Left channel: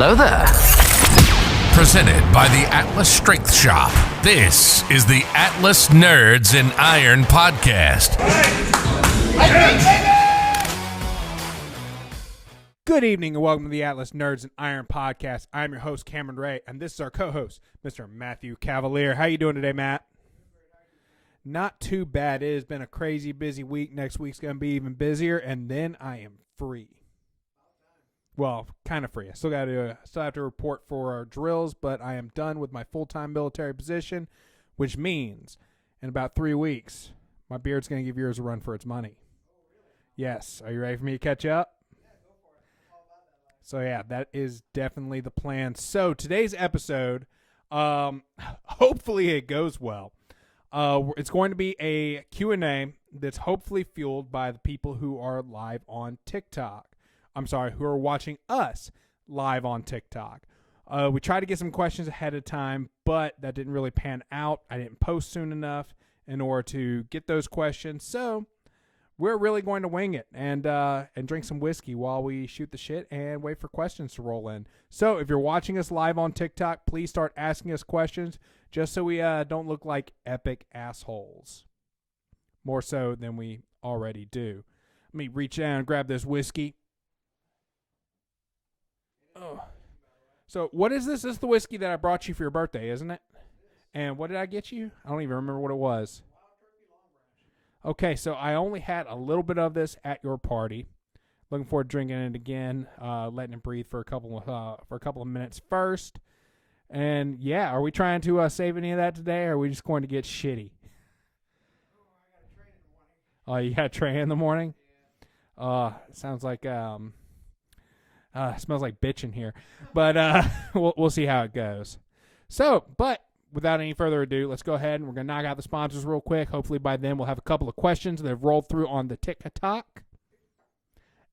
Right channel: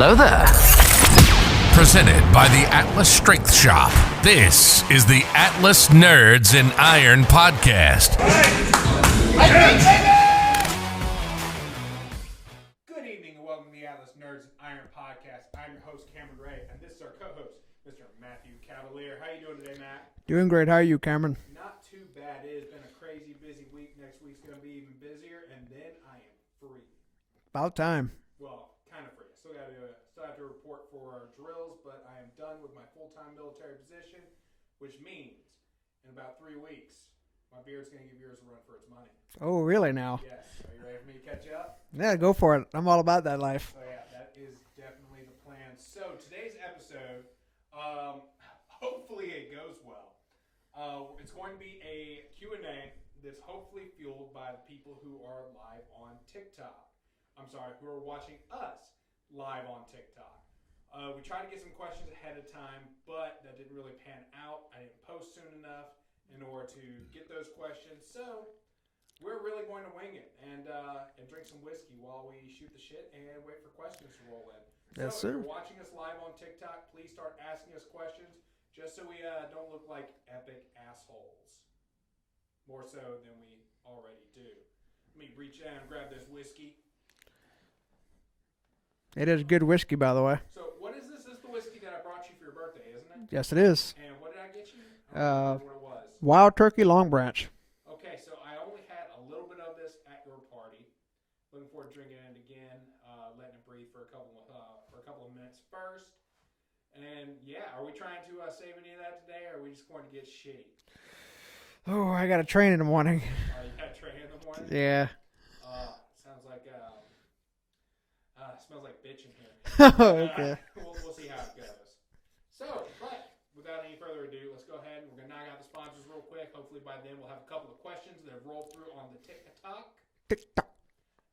Hello there. Presented by the Atlas Strength Shop. This is the Atlas Nerds in Iron podcast. Good evening and welcome to the Atlas Nerds in Iron podcast. I'm your host, Cameron Ray, and this is our co-host, Mr. Mathew Cavalier. How you doing today, Matt? Doing great. How are you, Cameron? Not too bad. It has been a crazy busy week. Next week's going to be even busier, and then I am free. About time. Well, kind of free. I still have to report for our drills, but I am done with my full-time military position, which means in about 3 weeks, my beard's going to give yours a run for its money. Oh, really now? Yes. Are you ready for me to catch up? Yeah, go for it. I'm all about that life. So, yeah, that is definitely the plan. So, today's episode, hopefully it goes well. It's going to be a Q&A that's hopefully fueled by the people who are live on TikTok. Who are watching us live on TikTok. We tried to get some questions ahead of time, but that didn't really pan out. I didn't post soon enough in order to get those questions. So we're really going to wing it and drink some whiskey while we shoot the shit and wait for questions to roll in. So if you're watching us live on TikTok, please start asking us questions just so we don't look like epic assholes. More so than we already do. Let me reach down and grab this whiskey. It is good whiskey, by the way. So what is this? This is the whiskey that I brought you for your birthday, isn't it? Yes, it is. And what did I get you? I don't even remember what it was. Wild Turkey Long Branch. Okay, so I only had a little bit of this at your party. Looking forward to drinking it again, letting it breathe for a couple of minutes first. And yeah, are we trying to save any of that today, or are we just going to get shitty? Oh, I got to train in the morning. Oh, you got to train in the morning? Yeah. Sounds like it smells like bitch in here, but we'll see how it goes. So, but without any further ado, let's go ahead and we're gonna knock out the sponsors real quick. Hopefully by then we'll have a couple of questions that have rolled through on the TikTok,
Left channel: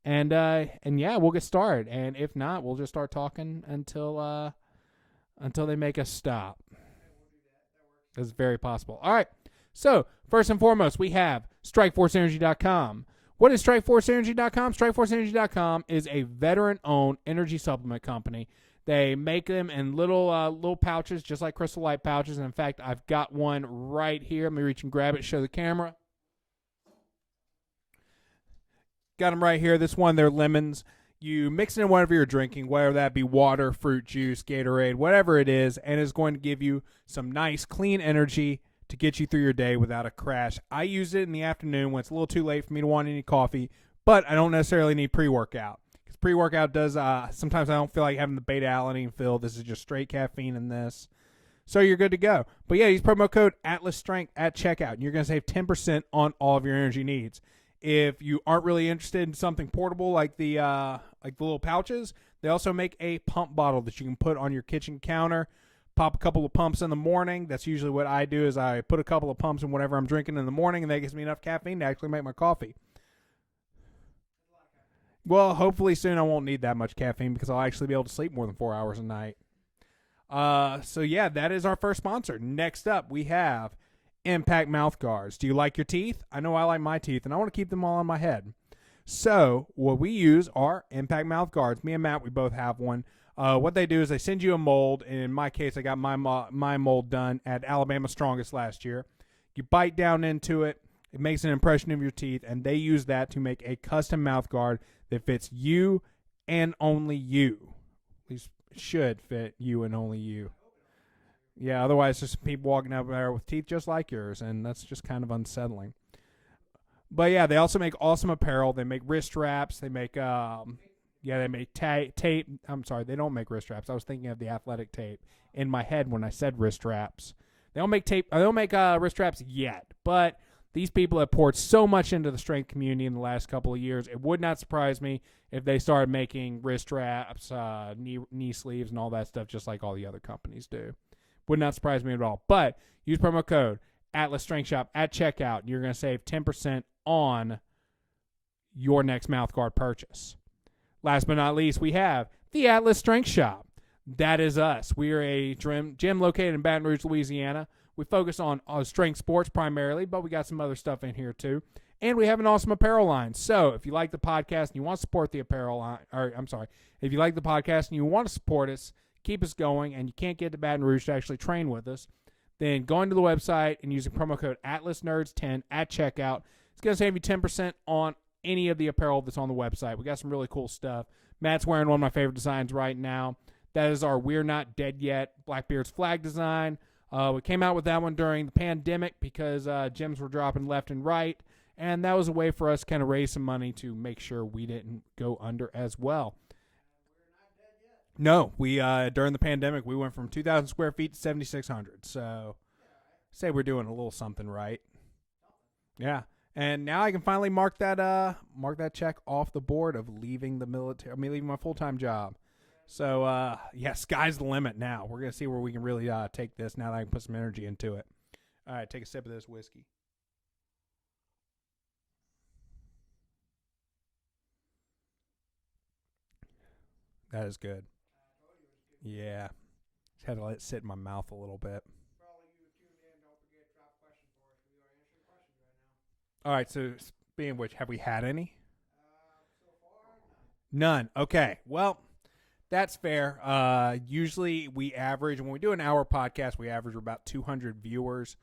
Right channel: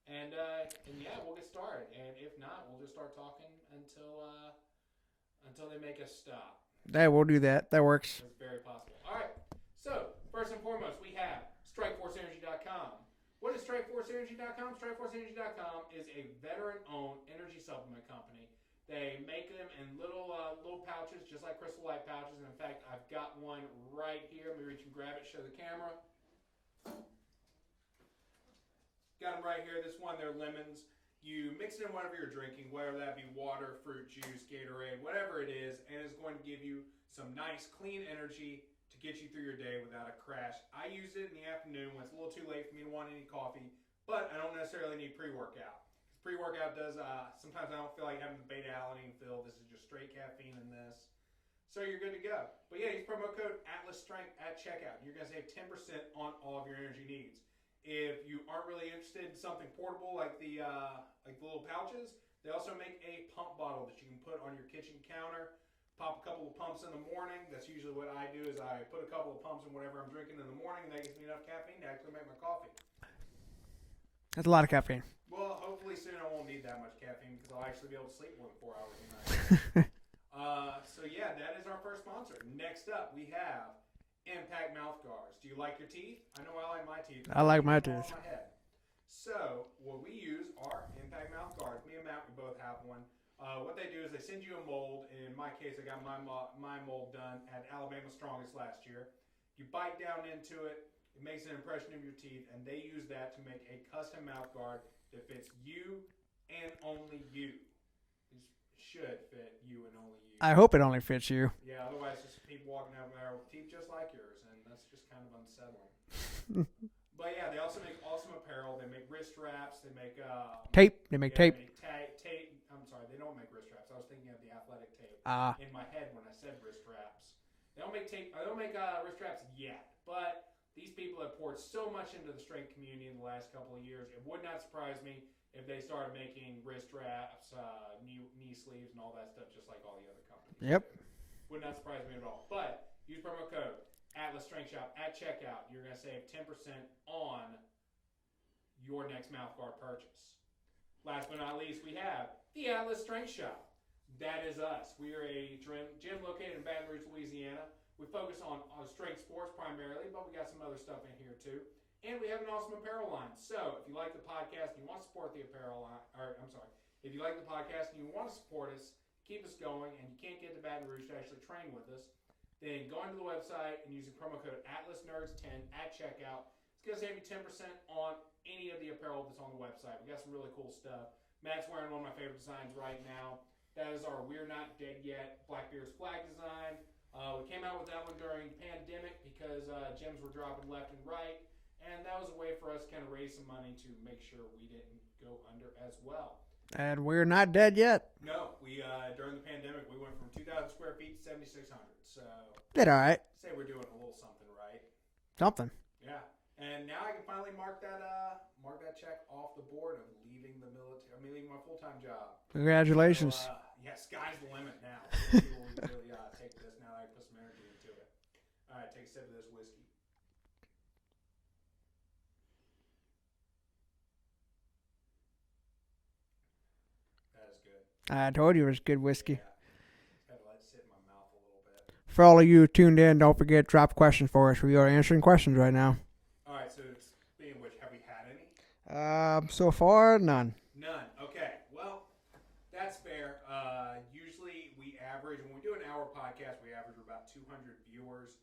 and yeah, we'll get started. And if not, we'll just start talking until they make us stop. Yeah, we'll do that. That works. It's very possible. All right. So first and foremost, we have StrikeForceEnergy.com. What is StrikeForceEnergy.com? StrikeForceEnergy.com is a veteran-owned energy supplement company. They make them in little pouches, just like Crystal Light pouches. And in fact, I've got one right here. Let me reach and grab it, show the camera. Got them right here. This one, they're lemons. You mix it in whatever you're drinking, whether that be water, fruit juice, Gatorade, whatever it is, and it's going to give you some nice, clean energy to get you through your day without a crash. I use it in the afternoon when it's a little too late for me to want any coffee, but I don't necessarily need pre-workout. Because pre-workout does, sometimes I don't feel like having the beta-alanine filled. This is just straight caffeine in this. So you're good to go. But yeah, use promo code ATLASSTRENGTH at checkout, and you're going to save 10% on all of your energy needs. If you aren't really interested in something portable like the little pouches, they also make a pump bottle that you can put on your kitchen counter. Pop a couple of pumps in the morning. That's usually what I do is I put a couple of pumps in whatever I'm drinking in the morning, and that gives me enough caffeine to actually make my coffee. That's a lot of caffeine. Well, hopefully soon I won't need that much caffeine because I'll actually be able to sleep more than 4 hours a night. So, yeah, that is our first sponsor. Next up, we have Impact Mouth Guards. Do you like your teeth? I know I like my teeth, and I want to keep them all on my head. So what we use are Impact Mouth Guards. Me and Matt, we both have one. What they do is they send you a mold. And in my case, I got my mold done at Alabama Strongest last year. You bite down into it. It makes an impression of your teeth. And they use that to make a custom mouth guard that fits you and only you. At least it should fit you and only you. I hope it only fits you. Yeah, otherwise just people walking up there with teeth just like yours. And that's just kind of unsettling. But yeah, they also make awesome apparel. They make wrist wraps. They make tape. They make tape. They make tape. I'm sorry, they don't make wrist wraps. I was thinking of the athletic tape in my head when I said wrist wraps. They don't make tape. They don't make wrist wraps yet. But these people have poured so much into the strength community in the last couple of years. It would not surprise me if they started making wrist wraps, knee sleeves, and all that stuff, just like all the other companies do. Would not surprise me at all. But use promo code Atlas Strength Shop at checkout. You're going to save 10% on your next mouthguard purchase. Last but not least, we have the Atlas Strength Shop. That is us. We are a gym located in Baton Rouge, Louisiana. We focus on strength sports primarily, but we got some other stuff in here too. And we have an awesome apparel line. So if you like the podcast and you want to support the apparel line, if you like the podcast and you want to support us, keep us going, and you can't get to Baton Rouge to actually train with us, then going to the website and using promo code AtlasNerds10 at checkout, it's going to save you 10% on any of the apparel that's on the website. We got some really cool stuff. Matt's wearing one of my favorite designs right now. That is our We're Not Dead Yet Blackbeard's flag design. We came out with that one during the pandemic because gyms were dropping left and right, and that was a way for us to kind of raise some money to make sure we didn't go under as well. And we're not dead yet. No, we during the pandemic, we went from 2,000 square feet to 7,600. So did all right. Say we're doing a little something right. Something. Yeah. And now I can finally mark that check off the board of leaving the military. I mean, leaving my full-time job. Congratulations. So, sky's the limit now. We're going to see where we can really take this now that I can put some energy into it. All right, take a sip of this whiskey. That is good. I told you it was good whiskey. Yeah. Just had to let it sit in my mouth a little bit. For all of you tuned in, don't forget, drop questions for us. We are answering questions right now. All right, so speaking of which, have we had any? So far, none. None. Okay. Well, that's fair. Usually we average, when we do an hour podcast, we average about 200 viewers.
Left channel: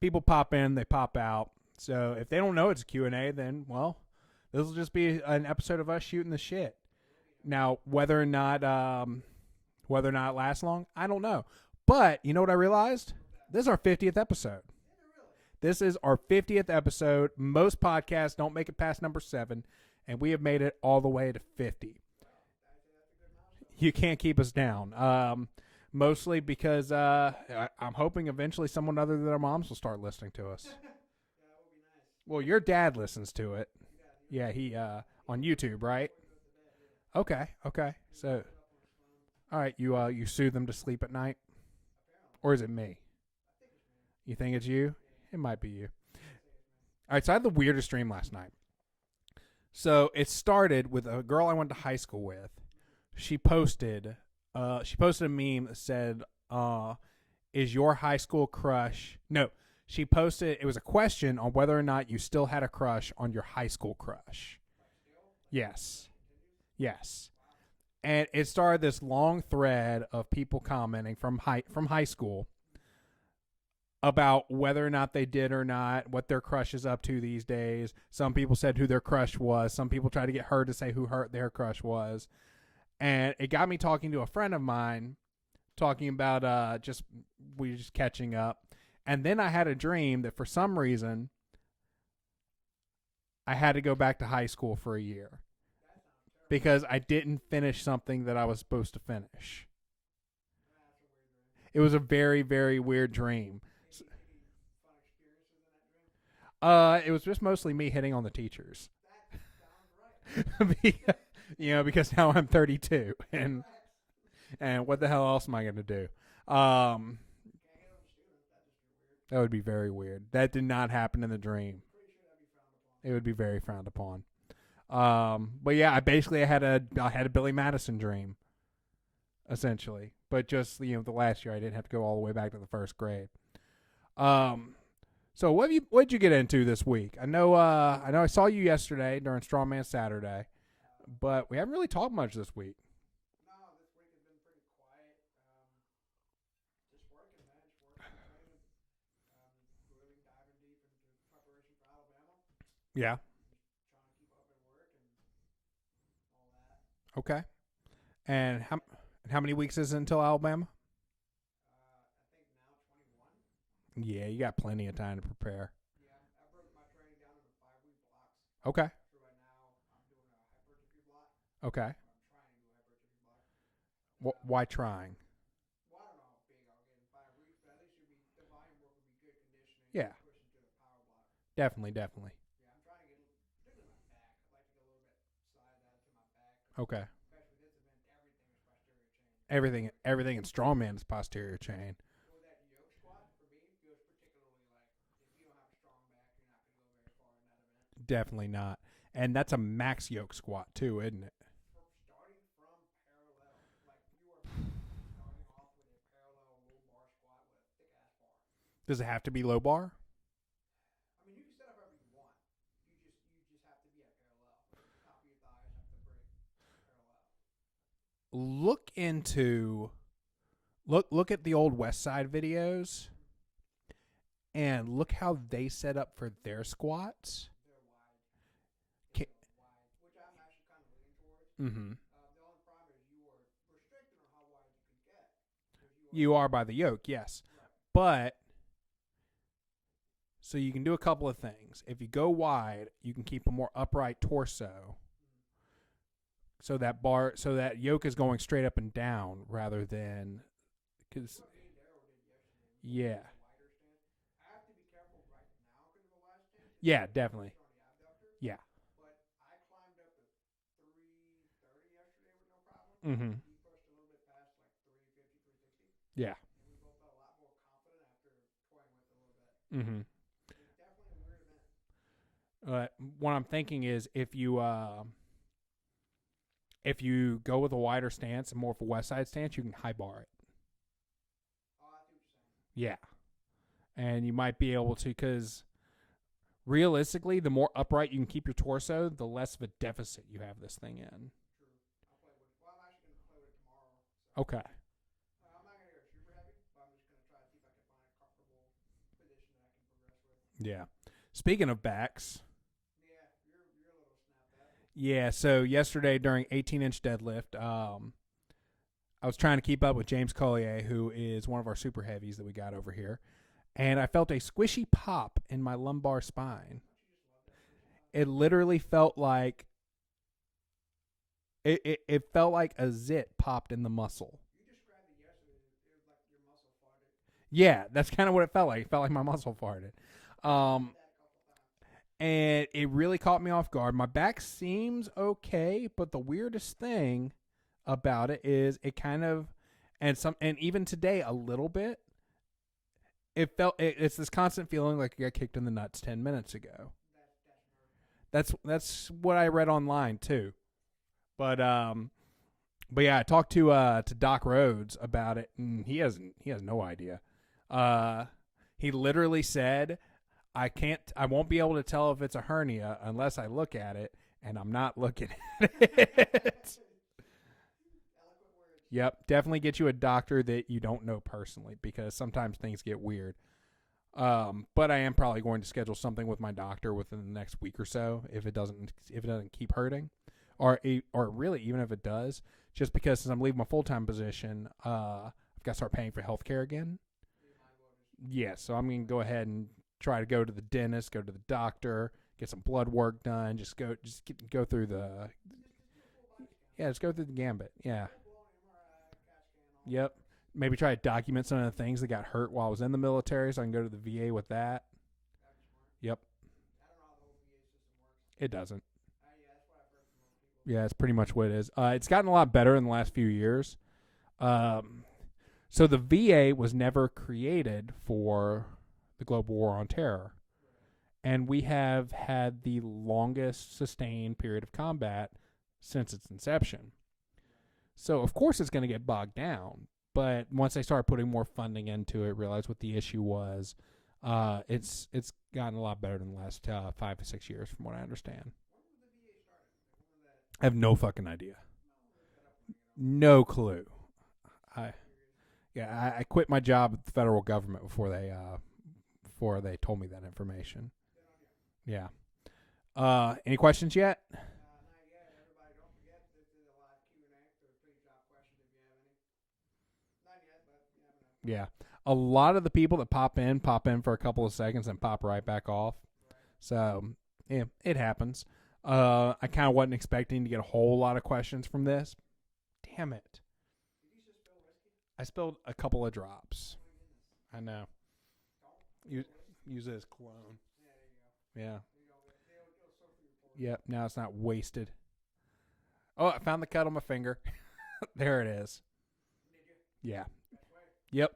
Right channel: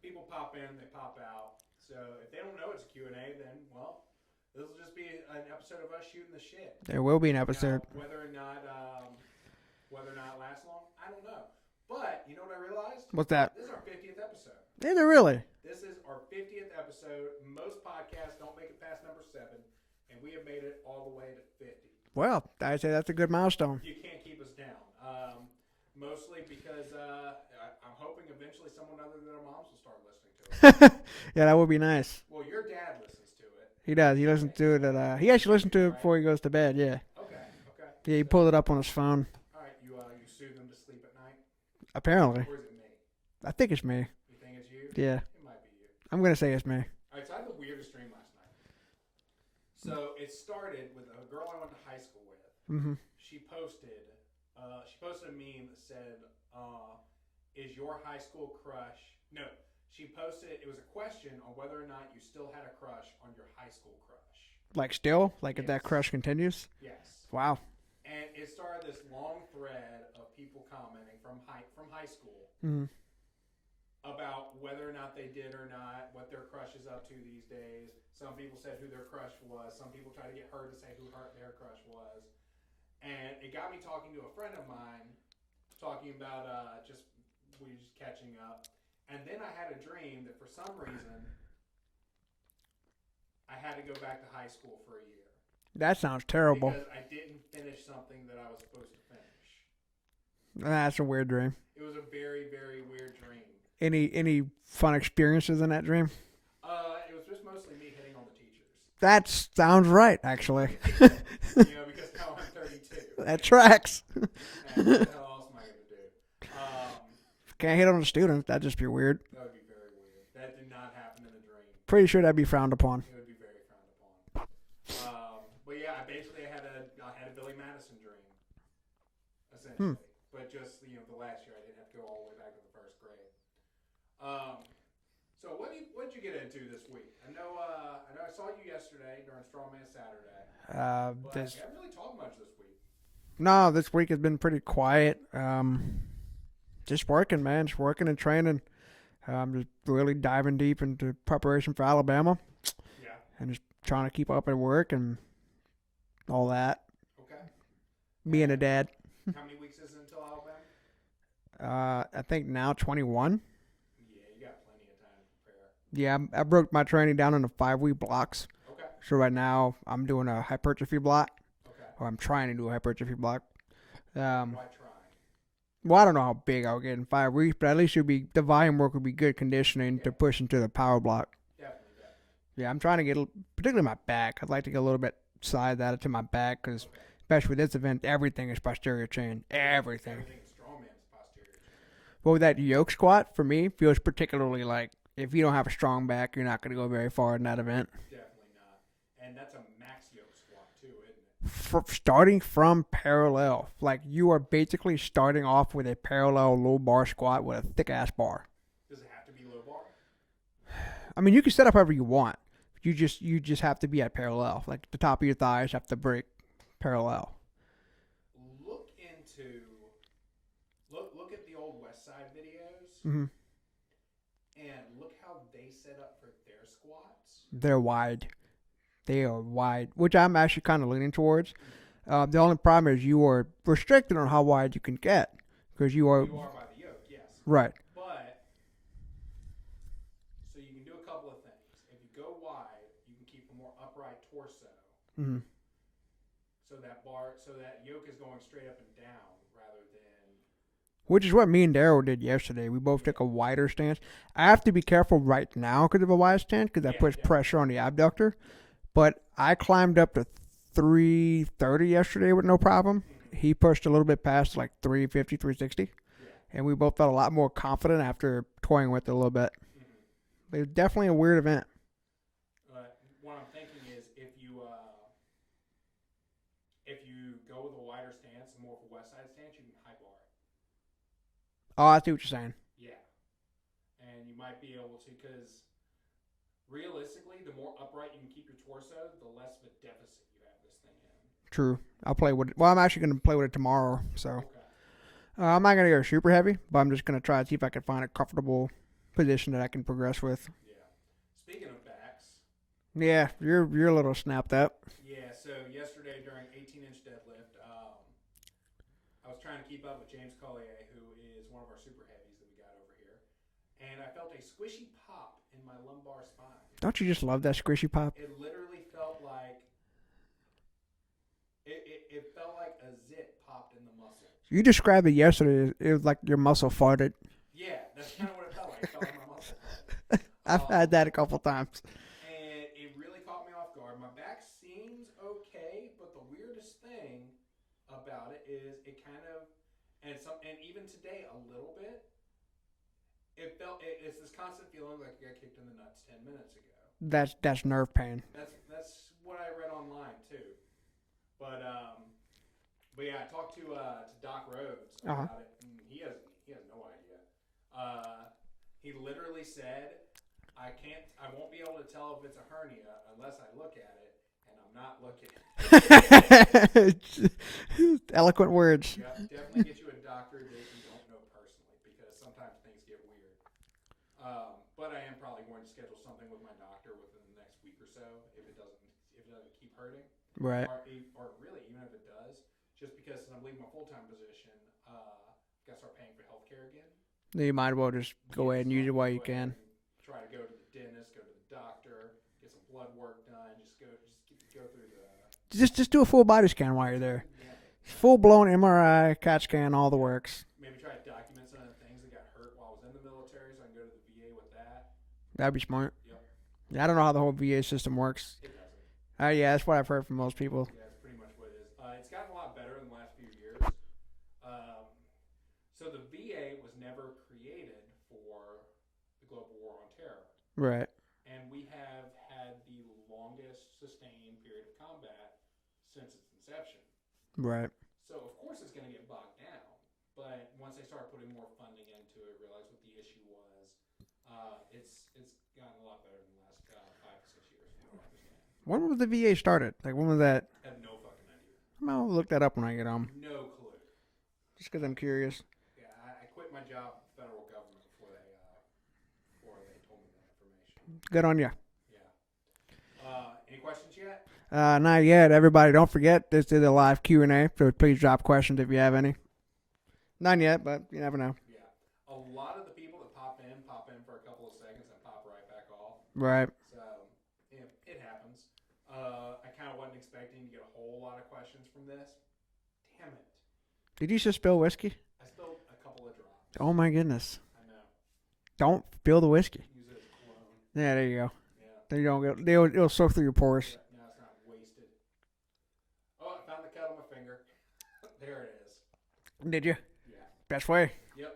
People pop in, they pop out. So if they don't know it's a Q&A, then, well, this will just be an episode of us shooting the shit. There will be an episode. Now, whether or not it lasts long, I don't know. But you know what I realized? What's that? This is our 50th episode. Is it really? This is our 50th episode. Most podcasts don't make it past number 7, and we have made it all the way to 50. Well, I'd say that's a good milestone. You can't keep us down. Mostly because I'm hoping eventually someone other than our moms will start listening to us. Yeah, that would be nice. Well, your dad listens to it. He does. He listens to it. He actually listens to it before he goes to bed. Yeah. Okay. Yeah, he pulled it up on his phone. All right. You soothe them to sleep at night? Apparently. Or is it me? I think it's me. You think it's you? Yeah. It might be you. I'm going to say it's me. All right. So I had the weirdest dream last night. So it started with a girl I went to high school with. Mm-hmm. She posted a meme that said, is your high school crush... No. She posted... It was a question on whether or not you still had a crush on your high school crush. Like still? Like yes. If that crush continues? Yes. Wow. And it started this long thread of people commenting from high school about whether or not they did or not, what their crush is up to these days. Some people said who their crush was. Some people tried to get her to say who their crush was. And it got me talking to a friend of mine, talking about just catching up. And then I had a dream that for some reason I had to go back to high school for a year. That sounds terrible. Because I didn't finish something that I was supposed to finish. That's a weird dream. It was a very, very weird dream. Any fun experiences in that dream? It was just mostly me hitting on the teachers. That sounds right, actually. Because now I'm 32. That tracks. And what the hell else am I going to do? Can't hit on the students. That'd just be weird. That would be very weird. That did not happen in the dream. Pretty sure that'd be frowned upon. It would be very frowned upon. But yeah, I had a Billy Madison dream, essentially. But just the last year I didn't have to go all the way back to the first grade. So what'd you get into this week? I know I saw you yesterday during Strongman Saturday, but we haven't really talked much this week. No, this week has been pretty quiet. Just working, man. Just working and training. Just really diving deep into preparation for Alabama. Yeah, and just trying to keep up at work and all that. Okay. Being a dad. How many weeks is it until Alabama? I think now 21. Yeah, you got plenty of time to prepare. Yeah, I broke my training down into 5-week blocks. Okay. So right now I'm doing a hypertrophy block. Okay. Or I'm trying to do a hypertrophy block. Why trying? Well, I don't know how big I'll get in 5 weeks, but at least the volume work would be good conditioning to push into the power block. Definitely. Yeah, I'm trying to get, particularly my back. I'd like to get a little bit side that to my back because, especially with this event, everything is posterior chain. Everything in strongman is posterior chain. Well, with that yoke squat, for me, feels particularly like if you don't have a strong back, you're not going to go very far in that event. Definitely not. And that's a max yoke squat too, isn't it? Starting from parallel. Like you are basically starting off with a parallel low bar squat with a thick ass bar. Does it have to be low bar? I mean, you can set up however you want. You just have to be at parallel. Like the top of your thighs have to break parallel. Look at the old West Side videos Mm-hmm. and look how they set up for their squats. They're wide. They are wide, which I'm actually kind of leaning towards. Mm-hmm. The only problem is you are restricted on how wide you can get because you are by the yoke, yes. right. But so you can do a couple of things. If you go wide, you can keep a more upright torso. Mm-hmm. So that yoke is going straight up and down rather than. Which is what me and Daryl did yesterday. We both took a wider stance. I have to be careful right now because of a wide stance because that puts pressure on the abductor. Yeah. But I climbed up to 330 yesterday with no problem. Mm-hmm. He pushed a little bit past like 350, 360. Yeah. And we both felt a lot more confident after toying with it a little bit. Mm-hmm. It was definitely a weird event. What I'm thinking is if you go with a wider stance and more of a West Side stance, you can high bar it. Oh, I see what you're saying. Yeah. And you might be able to, because realistically, the more upright you can keep your torso, the less of a deficit you have this thing in. True. I'll play with it. Well, I'm actually going to play with it tomorrow. So Okay. I'm not going to go super heavy, but I'm just going to try to see if I can find a comfortable position that I can progress with. Yeah. Speaking of backs. Yeah, you're a little snapped up. Yeah, so yesterday during 18-inch deadlift, I was trying to keep up with James Collier, who is one of our super heavies that we got over here. And I felt a squishy pop in my lumbar spine. Don't you just love that squishy pop? It literally felt like it felt like a zit popped in the muscle. You described it yesterday. It was like your muscle farted. Yeah, that's kind of what it felt like. It felt like my muscle farted. I've had that a couple times. And it really caught me off guard. My back seems okay, but the weirdest thing about it is it kind of, and even today a little bit, it's this constant feeling like you got kicked in the nuts 10 minutes ago. That's nerve pain. That's what I read online too. But yeah, I talked to Doc Rhodes about it, and he has no idea. He literally said, I won't be able to tell if it's a hernia unless I look at it, and I'm not looking at it. Eloquent words. Yep, definitely get you a doctor that you don't know personally, because sometimes things get weird. But I am probably going to schedule something with my doctor within the next week or so if it doesn't keep hurting, right? Or really even if it does, just because since I'm leaving my full-time position, I've got to start paying for healthcare again. You might as well just go ahead and use it while you can. And try to go to the dentist, go to the doctor, get some blood work done. Just go through the just do a full body scan while you're there. Go through the gambit. Yeah. Full blown MRI, CAT scan, all the works. Maybe try to document some of the things that got hurt while I was in the military, so I can go to the VA with that. That'd be smart. Yep. Yeah, I don't know how the whole VA system works. It doesn't. Yeah, that's what I've heard from most people. Yeah, it's pretty much what it is. It's gotten a lot better in the last few years. So the VA was never created for the global war on terror. Right. And we have had the longest sustained period of combat since its inception. Right. So, of course, it's going to get bogged down. But once they started putting more funding into it, realized what the issue was, it's gotten a lot better in the last 5 to 6 years, from what I understand. When was the VA started? Like, when was that? I have no fucking idea. I'll look that up when I get home. No clue. Just because I'm curious. Yeah, I quit my job with the federal government before they told me that information. Good on you. Yeah. Any questions yet? Not yet. Everybody, don't forget, this is a live Q&A, so please drop questions if you have any. None yet, but you never know. Yeah. A lot of the people that pop in for a couple of seconds and pop right back off. Right. So, yeah, it happens. I kind of wasn't expecting to get a whole lot of questions from this. Damn it. Did you just spill whiskey? I spilled a couple of drops. Oh, my goodness. I know. Don't spill the whiskey. Use it as cologne. Yeah, there you go. Yeah. There you don't go. It'll soak through your pores. Yep. Now it's not wasted. Oh, I found the cut on my finger. There it is. Did you? Yeah. Best way. Yep.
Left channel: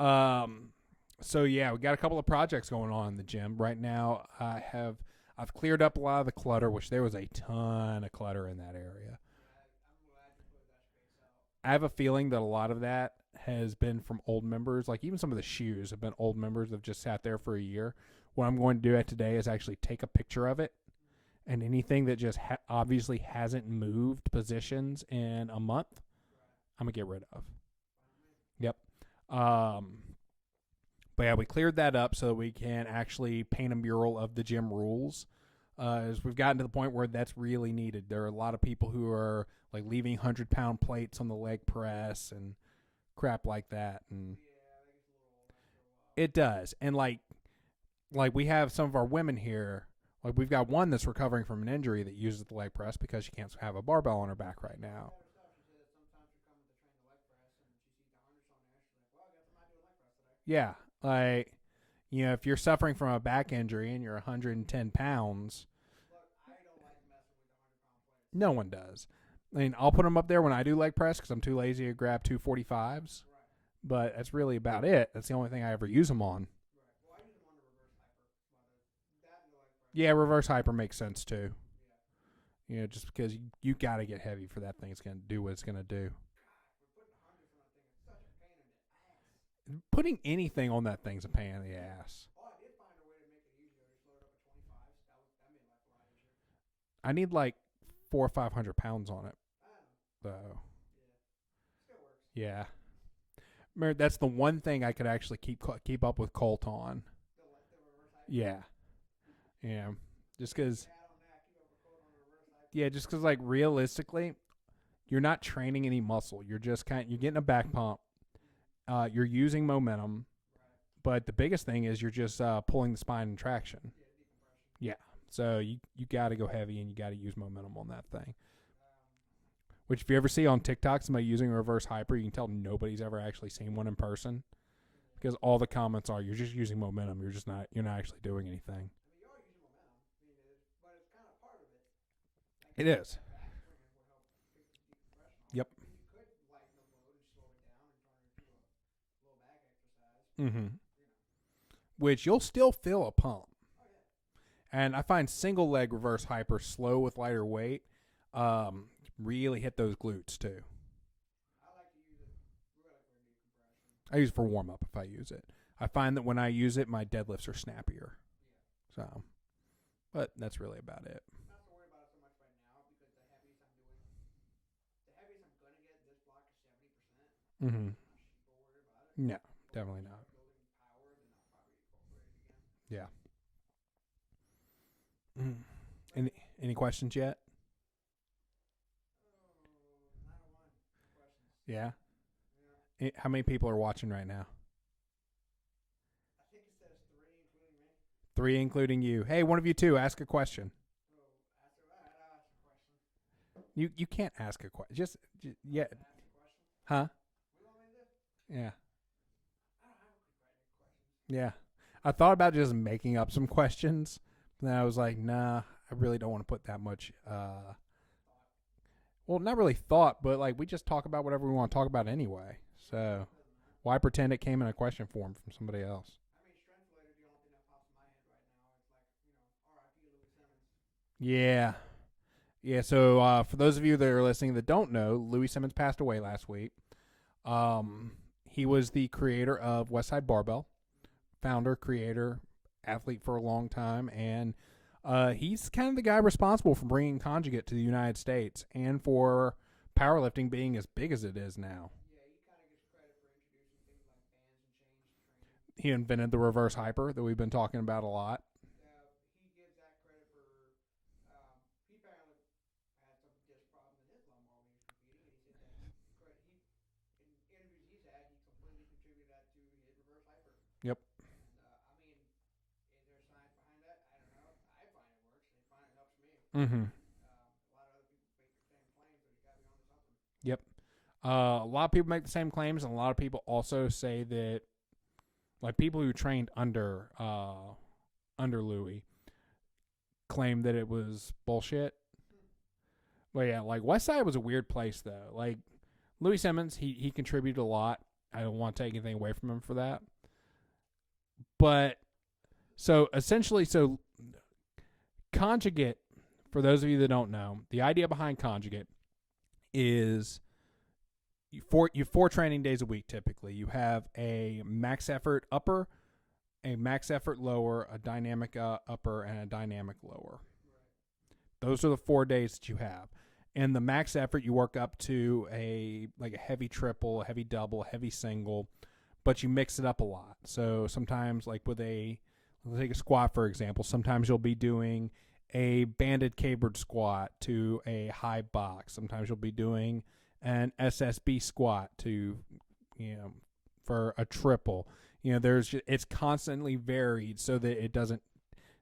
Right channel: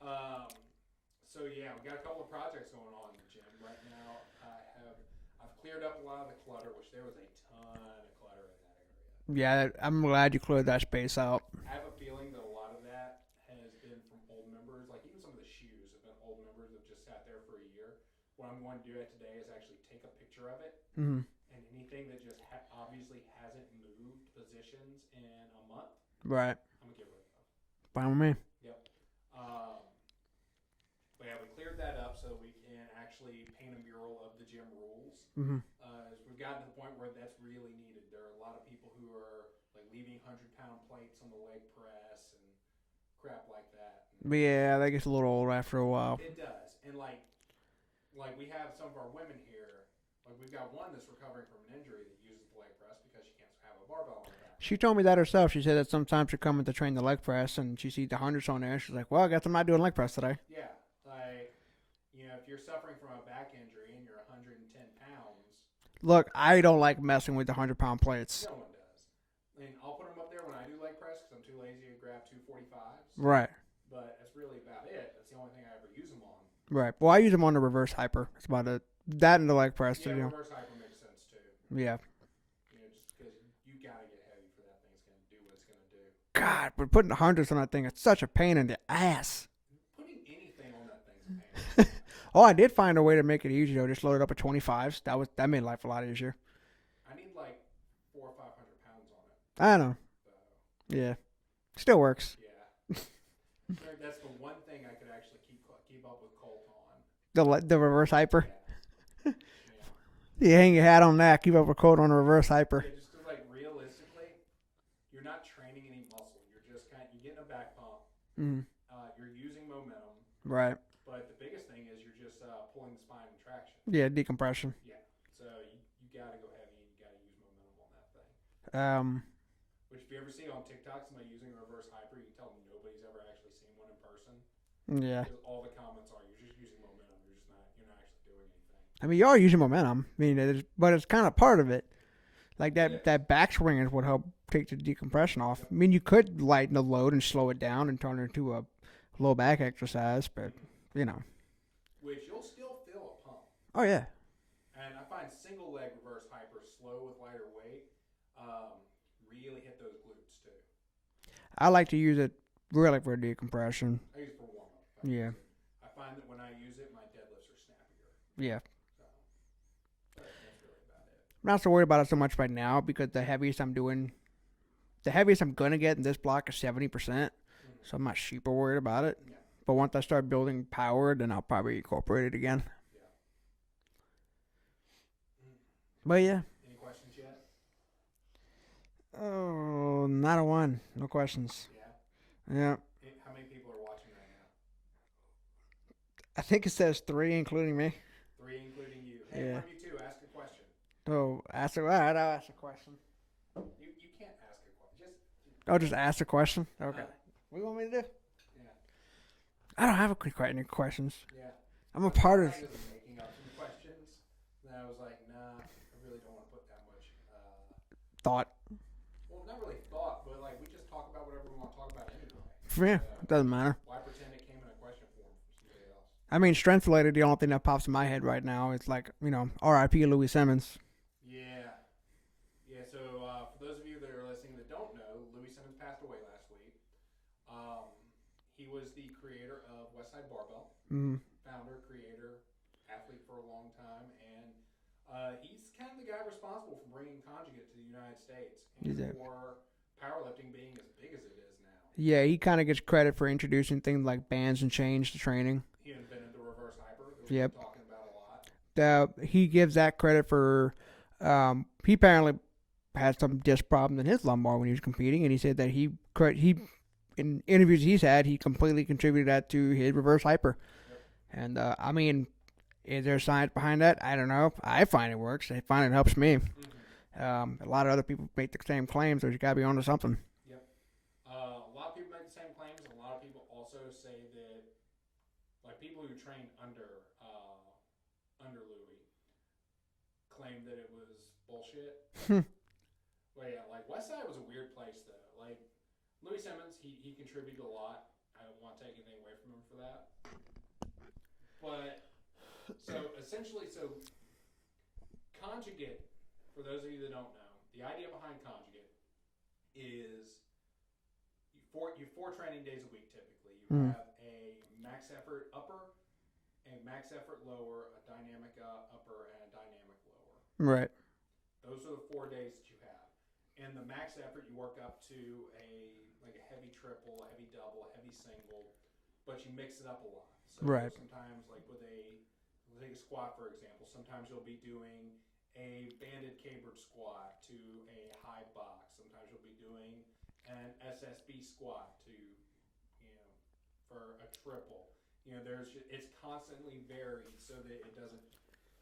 So yeah, we got a couple of projects going on in the gym right now. I've cleared up a lot of the clutter, which there was a ton of clutter in that area. Yeah, I'm glad you cleared that space out. I have a feeling that a lot of that has been from old members. Like even some of the shoes have been old members that have just sat there for a year. what I'm going to do today is actually take a picture of it, and anything that just obviously hasn't moved positions in a month, right, I'm going to get rid of. Fine with me. Yep. But yeah, we cleared that up so that we can actually paint a mural of the gym rules. As we've gotten to the point where that's really needed. There are a lot of people who are like leaving 100-pound plates on the leg press and crap like that. And Yeah, that gets a little old after a while. it does. And like we have some of our women here. Like we've got one that's recovering from an injury that uses the leg press because she can't have a barbell on her back. She told me that herself. She said that sometimes she's coming to train the leg press and she sees the hundreds on there. She's like, well, I guess I'm not doing leg press today. Yeah. Like, if you're suffering from a back injury and you're 110 pounds. Look, I don't like messing with the 100-pound plates. No one does. I mean, I'll put them up there when I do leg press because I'm too lazy to grab 245s. Right. But that's really about it. That's the only thing I ever use them on. Right. Well, I use them on the reverse hyper. It's about that and the leg press. Yeah, reverse hyper makes sense too. Yeah. Just because you got to get heavy for that thing. It's going to do what it's going to do. God, but putting the hundreds on that thing, it's such a pain in the ass. Putting anything on that thing's a pain in the ass. Oh, I did find a way to make it easier. Just load it up with 25s. That made life a lot easier. I need like 400 or 500 pounds on it. I know. So Yeah. Still works. yeah. That's the one thing I could actually keep up with Colt on. The reverse hyper. Yeah. Yeah. You hang your hat on that. Keep up a coat on the reverse hyper. Yeah, just because like realistically, you're not training any muscle. You're just you're getting a back pump. You're using momentum. Right. But the biggest thing is you're just pulling the spine and traction. Yeah, decompression. Yeah. So you got to go heavy and you got to use momentum on that thing. Which if you ever see on TikTok somebody using a reverse hyper, you can tell nobody's ever actually seen one in person. Yeah. Because all the comments are, you're just using momentum. You're not actually doing anything. I mean, you are using momentum. I mean, but it's kind of part of it. Like that backswing is what helped take the decompression off. Yep. I mean, you could lighten the load and slow it down and turn it into a low back exercise, but Which you'll still feel a pump. Oh yeah. And I find single leg reverse hyper slow with lighter weight really hit those glutes too. I like to use it really for decompression. I use it for warm up if I use it. I find that when I use it, my deadlifts are snappier. Yeah. So, but that's really about it. I'm not so worried about it so much right now because the heaviest I'm going to get in this block is 70%. So I'm not super worried about it. Yeah. But once I start building power, then I'll probably incorporate it again. Yeah. But yeah. Any questions yet? Oh, not a one. No questions. Yeah. Yeah. How many people are watching right now? I think it says 3, including me. 3, including you. Hey, one of you two, ask a question. Oh, I'll ask a question. You can't ask a question. Just ask a question? Okay. Huh? What do you want me to do? Yeah. I don't have any questions. Yeah. I thought about just making up some questions. And then I was like, nah, I really don't want to put that much thought. Well, not really thought, but like we just talk about whatever we want to talk about anyway. Yeah, So doesn't matter. why pretend it came in a question form from somebody else? I mean, strength related, the only thing that pops in my head right now is like, R.I.P. Louis Simmons. Yeah. Yeah, so for those of you that are listening that don't know, Louis Simmons passed away last week. He was the creator of Westside Barbell, founder, creator, athlete for a long time, and he's kind of the guy responsible for bringing conjugate to the United States and for powerlifting being as big as it is now. Yeah, he kind of gets credit for introducing things like bands and chains to training. He invented the reverse hyper that we've been talking about a lot. He gives that credit for he apparently had some disc problems in his lumbar when he was competing, and he said that he in interviews he's had, he completely contributed that to his reverse hyper. Yep. And I mean, is there science behind that? I don't know. I find it works. I find it helps me. A lot of other people make the same claims, so you got to be onto something. Yep. A lot of people make the same claims, and a lot of people also say that, like people who trained under Louis, claim that it was bullshit. But yeah, like Westside was a weird place though. Like Louis Simmons, he contributed a lot. I don't want to take anything away from him for that. But so essentially, conjugate, for those of you that don't know, the idea behind conjugate is you have 4 training days a week typically. You have a max effort upper, a max effort lower, a dynamic upper, and a dynamic lower. Right. Those are the 4 days that you have. And the max effort, you work up to a heavy triple, a heavy double, a heavy single, but you mix it up a lot. So sometimes, like let's take a squat, for example. Sometimes you'll be doing a banded cabered squat to a high box. Sometimes you'll be doing an SSB squat to, for a triple. It's constantly varied so that it doesn't.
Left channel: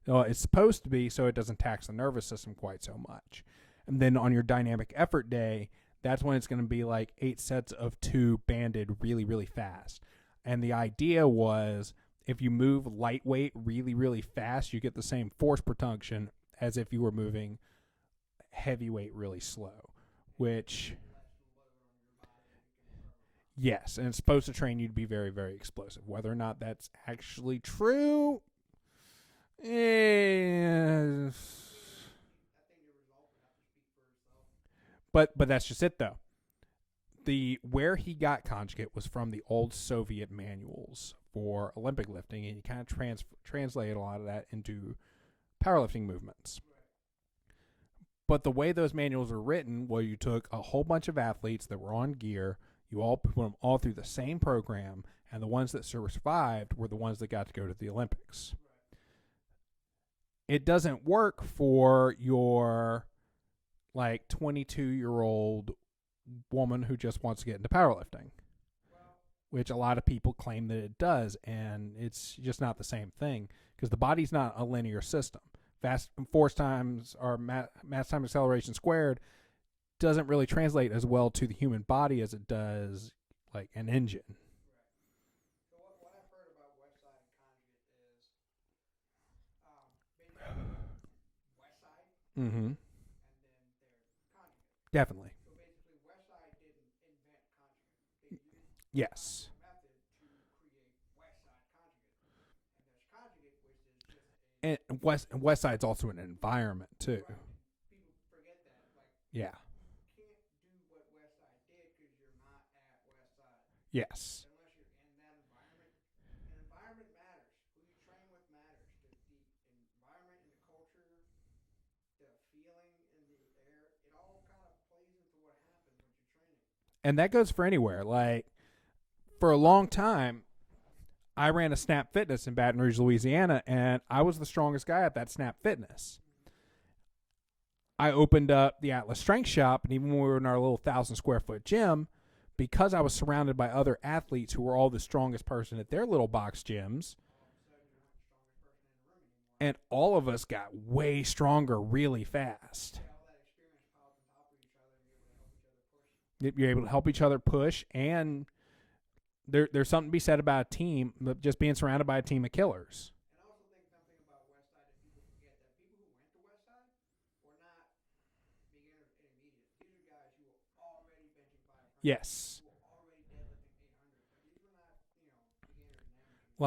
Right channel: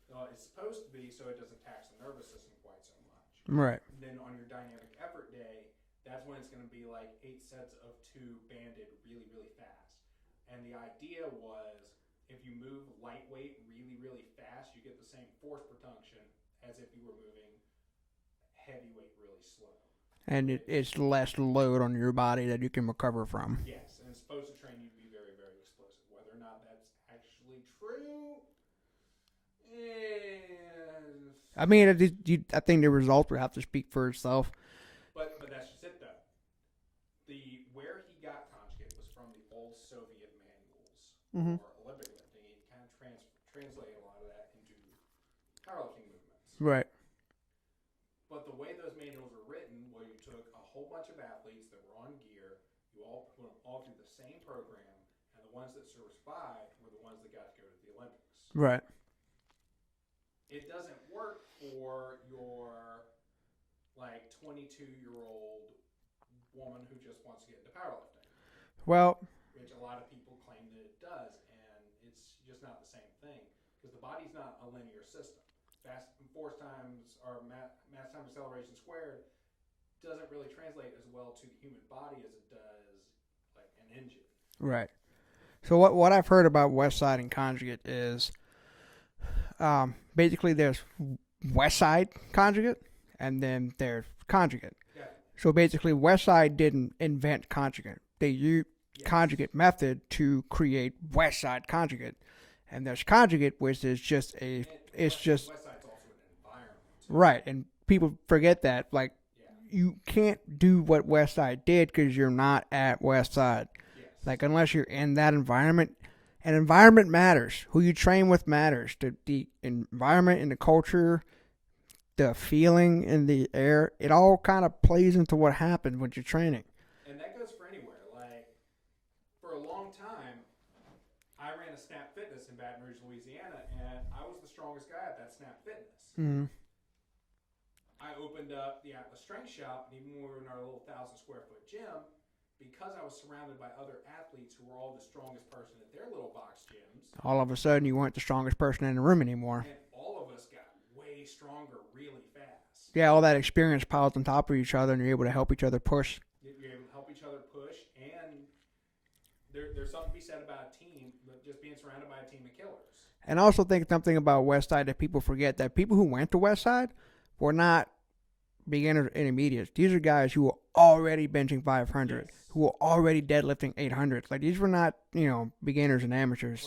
It's supposed to be so it doesn't tax the nervous system quite so much. Right. And then on your dynamic effort day, that's when it's going to be like 8 sets of 2 banded really, really fast. And the idea was if you move lightweight really, really fast, you get the same force per tension as if you were moving heavyweight really slow. And it's less load on your body that you can recover from. Yes, and it's supposed to train you to be very, very explosive. Whether or not that's actually true, I mean, I think the result would have to speak for itself. But that's just it, though. Where he got conjugate was from the old Soviet manuals for Olympic lifting, and you kind of translated a lot of that into powerlifting movements. Right. But the way those manuals were written, where you took a whole bunch of athletes that were on gear, you all put them all through the same program, and the ones that survived were the ones that got to go to the Olympics. Right. It doesn't work for your 22-year-old woman who just wants to get into powerlifting. Well, which a lot of people claim that it does, and it's just not the same thing because the body's not a linear system. Fast force times or mass time acceleration squared doesn't really translate as well to the human body as it does like an engine. Right. So what I've heard about West Side and conjugate is basically there's West Side conjugate and then there's conjugate. Definitely. So basically West Side didn't invent conjugate. They used conjugate method to create West Side conjugate. And there's conjugate, which is just West Side's also an environment too. Right, and people forget that. You can't do what West Side did because you're not at West Side. Yes. Unless you're in that environment, and environment matters. Who you train with matters. The environment and the culture, the feeling in the air, it all kind of plays into what happens when you're training. And that goes for anywhere. For a long time, I ran a Snap Fitness in Baton Rouge, Louisiana, and I was the strongest guy at that Snap Fitness. Mm-hmm. I opened up the Atlas Strength Shop, and even when we were in our little 1,000-square-foot gym, because I was surrounded by other athletes who were all the strongest person at their little box gyms. All of a sudden, you weren't the strongest person in the room anymore. And all of us got way stronger really fast. Yeah, all that experience piles on top of each other, and you're able to help each other push. You're able to help each other push, and there's something to be said about a team, just being surrounded by a team of killers. And I also think something about West Side that people forget, that people who went to West Side were not beginners or intermediates. These are guys who were already benching 500, yes, who were already deadlifting 800. These were not, beginners and amateurs.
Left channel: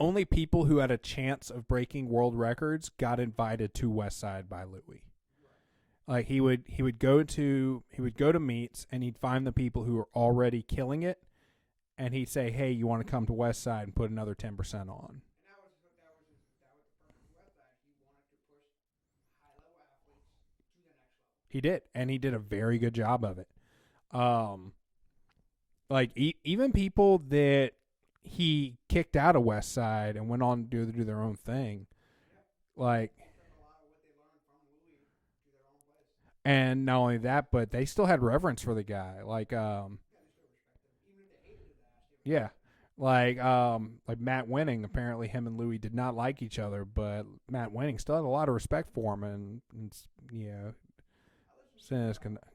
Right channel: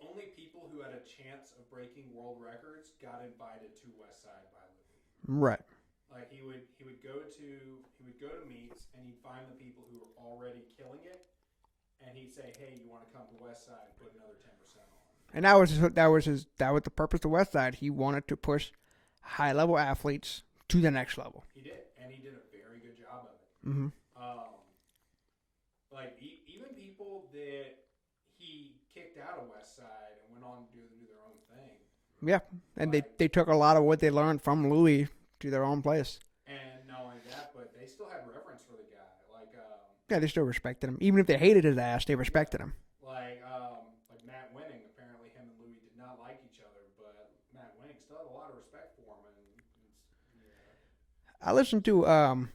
Only people who had a chance of breaking world records got invited to West Side by Louis. Right. He would go to meets, and he'd find the people who were already killing it. And he'd say, "Hey, you want to come to West Side and put another 10% on?" And that was the purpose of West Side. He wanted to push high level athletes to the next level. He did, and he did a very good job of it. Mm-hmm. Even people that he kicked out of West Side and went on to do their own thing. Yeah, and they took a lot of what they learned from Louis to their own place. And not only that, but they still had reverence for the guy. They still respected him. Even if they hated his ass, they respected him. Like Matt Winning, apparently him and Louis did not like each other, but Matt Winning still had a lot of respect for him. And I listened to,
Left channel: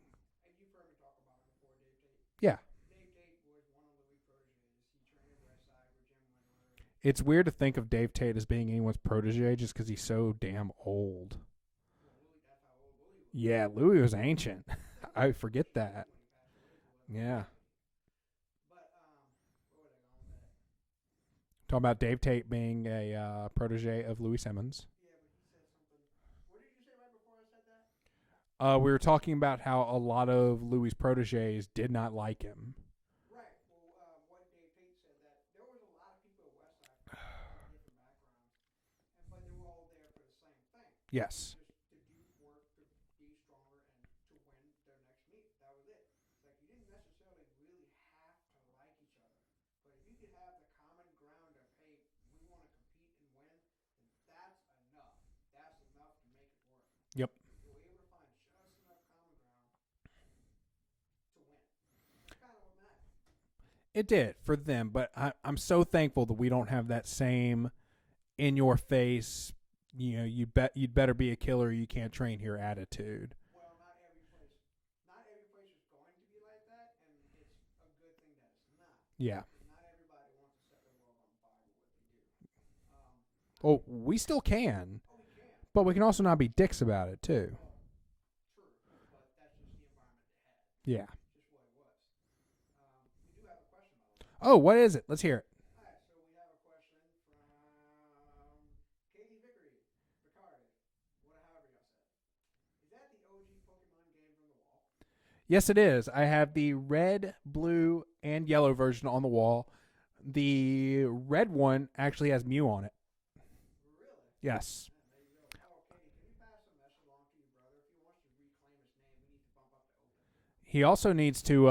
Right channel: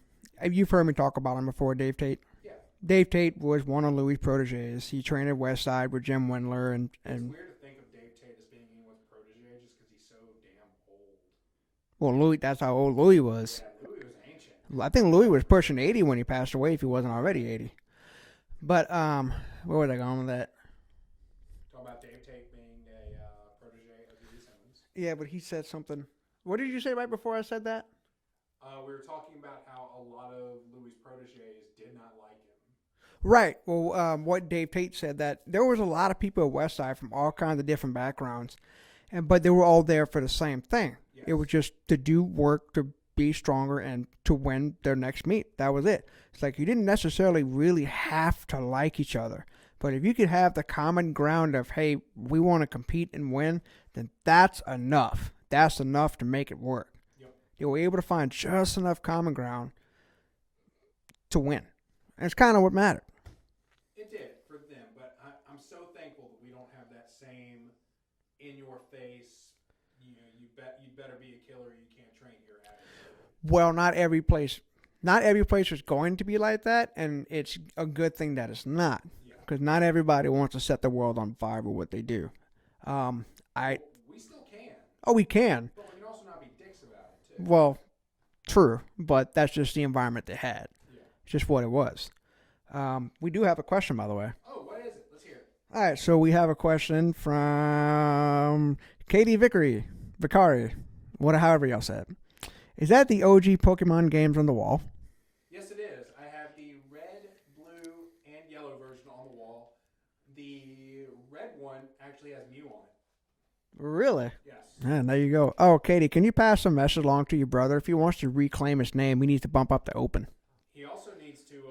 you've heard me talk about him before, Dave Tate. Yeah. Dave Tate was one of Louis' proteges. He trained at West Side with Jim Wendler. And it's weird to think of Dave Tate as being anyone's protege just because he's so damn old. Well, Louis, that's how old Louis was. Yeah, Louis was ancient. I think Louis was pushing 80 when he passed away, if he wasn't already 80. But where was I going with that? Talking about Dave Tate being a protege of Louis Simmons. Yeah, but he said something. What did you say right before I said that? We were talking about how a lot of Louis' proteges did not like him. Right. Well, what Dave Tate said, that there was a lot of people at Westside from all kinds of different backgrounds, but they were all there for the same thing. Yes. It was just to do work, to be stronger, and to win their next meet. That was it. It's like you didn't necessarily really have to like each other, but if you could have the common ground of, hey, we want to compete and win, then that's enough. That's enough to make it work. Yep. You were able to find just enough common ground to win. And it's kind of what mattered. It did for them, but I'm so thankful that we don't have that same in-your-face, you'd better be a killer, you can't train here attitude. Well, not every place is going to be like that, and it's a good thing that it's not. Yeah. Because not everybody wants to set the world on fire with what they do. We still can. We can. But we can also not be dicks about it, too. Well, true, but that's just the environment they had. Yeah. It's just what it was. We do have a question, by the way. Oh, what is it? Let's hear it. All right, so we have a question from Katie Vicari, however y'all said. Is that the OG Pokemon games on the wall? Yes, it is. I have the red, blue, and yellow version on the wall. The red one actually has Mew on it. Really? Yes. And there you go. Oh, Katie, can you pass a message along to your brother? If he wants to reclaim his name, we need to bump up the open. He also needs to,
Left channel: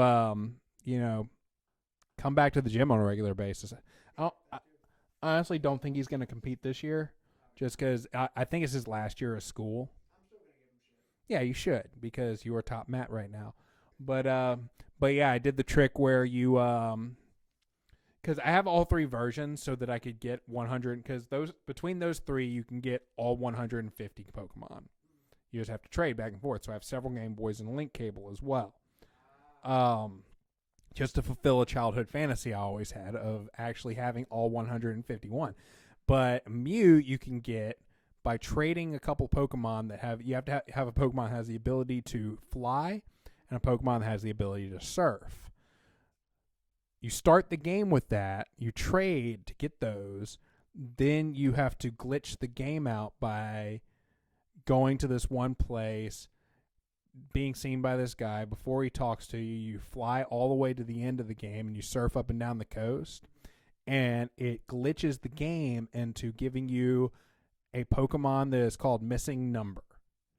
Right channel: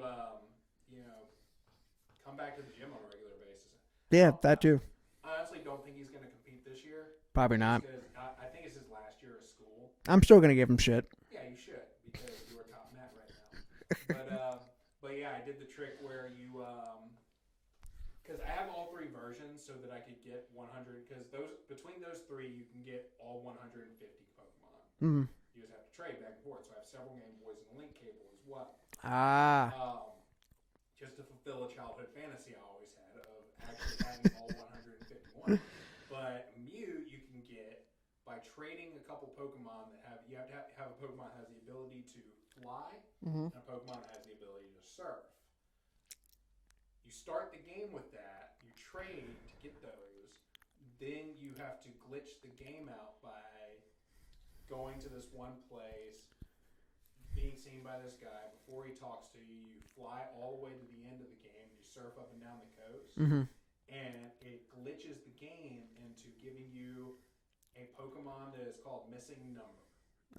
come back to the gym on a regular basis. Yeah, that too. I honestly don't think he's going to compete this year. Probably just not. because I think it's his last year of school. I'm still going to give him shit. Yeah, you should, because you are top Matt right now. But yeah, I did the trick where you, because I have all three versions so that I could get 100, because between those three, you can get all 150 Pokemon. Mm-hmm. You just have to trade back and forth. So I have several Game Boys and a Link cable as well. Just to fulfill a childhood fantasy I always had of actually having all 151. But Mew you can get by trading a couple Pokemon that have to have a Pokemon that has the ability to fly and a Pokemon that has the ability to surf. You start the game with that, you trade to get those, then you have to glitch the game out by going to this one place, being seen by this guy. Before he talks to you, you fly all the way to the end of the game and you surf up and down the coast. Mm-hmm. And it glitches the game into giving you a Pokemon that is called Missing Number.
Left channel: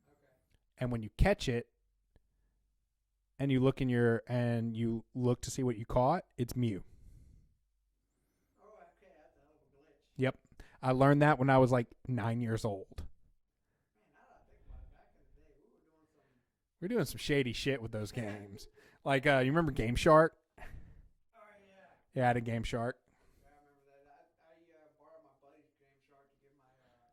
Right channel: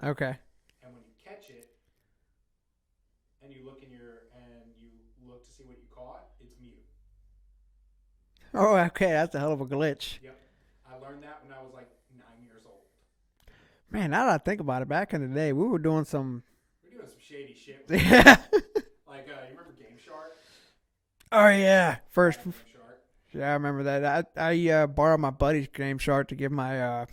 Okay. And when you catch it and you look to see what you caught, it's Mew. Oh, okay. That's a hell of a glitch. Yep. I learned that when I was like 9 years old. Man, now that I think about it, back in the day, we were doing some shady shit with the like, you remember Game Shark? Oh, yeah. First Game Shark. Yeah, I remember that. I borrowed my buddy's Game Shark to give my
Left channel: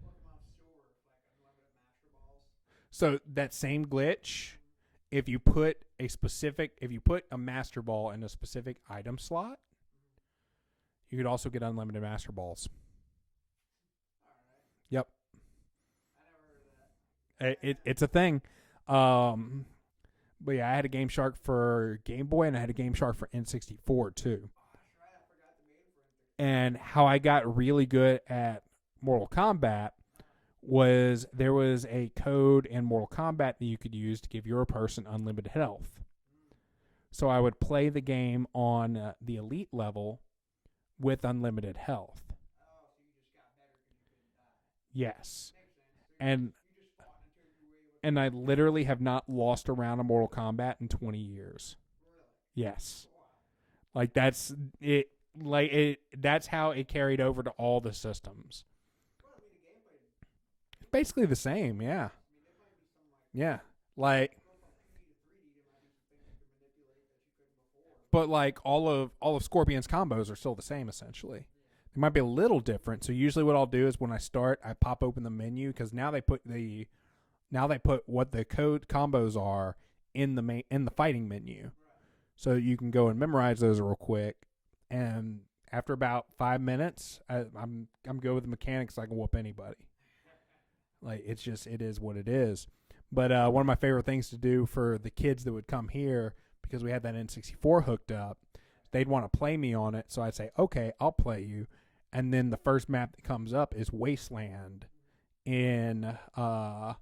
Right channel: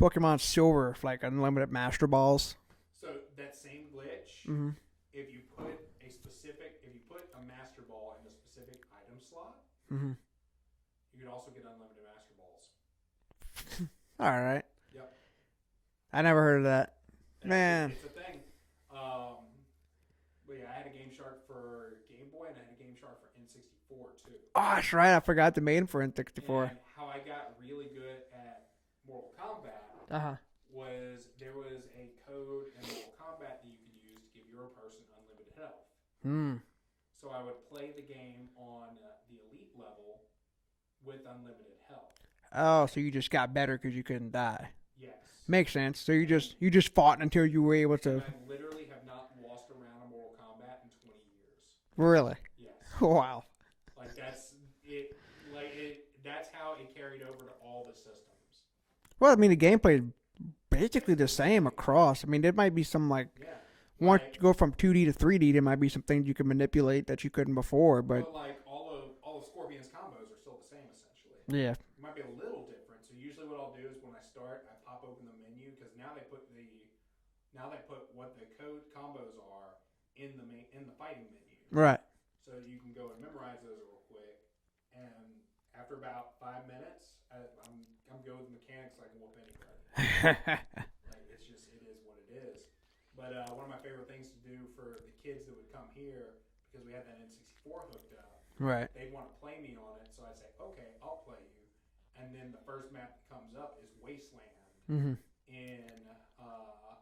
Pokemon Silver like unlimited Master Balls. So that same glitch, if you put a Master Ball in a specific item slot, you could also get unlimited Master Balls. All right. Yep. I never heard of that. It's a thing. But yeah, I had a Game Shark for Game Boy, and I had a Game Shark for N64 too. Oh, that's right. I forgot the main for N64. And how I got really good at Mortal Kombat was there was a code in Mortal Kombat that you could use to give your person unlimited health. So I would play the game on the elite level with unlimited health. Oh, so you just got better because you couldn't die. Yes. Makes sense. So you just fought until you were able to. And I literally have not lost a round of Mortal Kombat in 20 years. Really? Yes. Wow. Like that's it. That's how it carried over to all the systems. Well, I mean, the gameplay is basically the same across. Yeah. I mean, there might be some once you go from 2D to 3D, there might be some things you can manipulate that you couldn't before. But like all of Scorpion's combos are still the same essentially. Yeah, it might be a little different. So usually what I'll do is when I start, I pop open the menu because now they put what the code combos are in the fighting menu. Right. So you can go and memorize those real quick, and after about 5 minutes, I'm good with the mechanics. I can whoop anybody. It is what it is. But one of my favorite things to do for the kids that would come here, because we had that N64 hooked up, right? They'd want to play me on it. So I'd say, okay, I'll play you. And then the first map that comes up is Wasteland in Mortal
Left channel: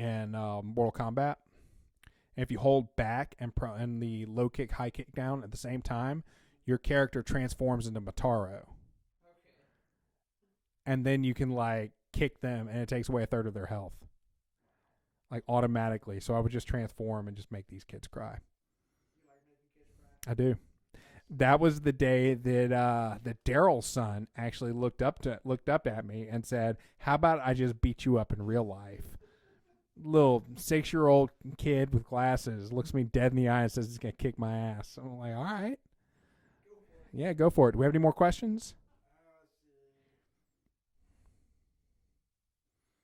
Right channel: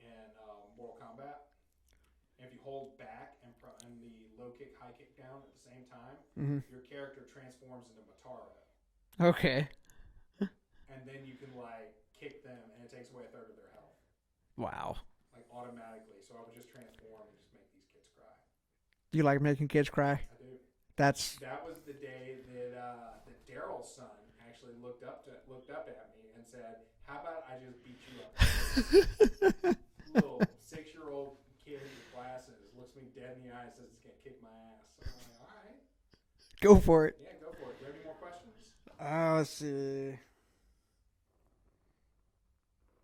Kombat. And if you hold back and the low kick, high kick down at the same time, your character transforms into Mataro. Okay. And then you can like kick them, and it takes away a third of their health. Wow. Like automatically. So I would just transform and just make these kids cry. You like making kids cry? I do. That was the day that Daryl's son actually looked up at me and said, "How about I just beat you up in real life?" Little 6-year-old kid with glasses looks me dead in the eye and says he's gonna kick my ass. So I'm like, all right, go for it. Yeah, go for it. Do we have any more questions? Let's see.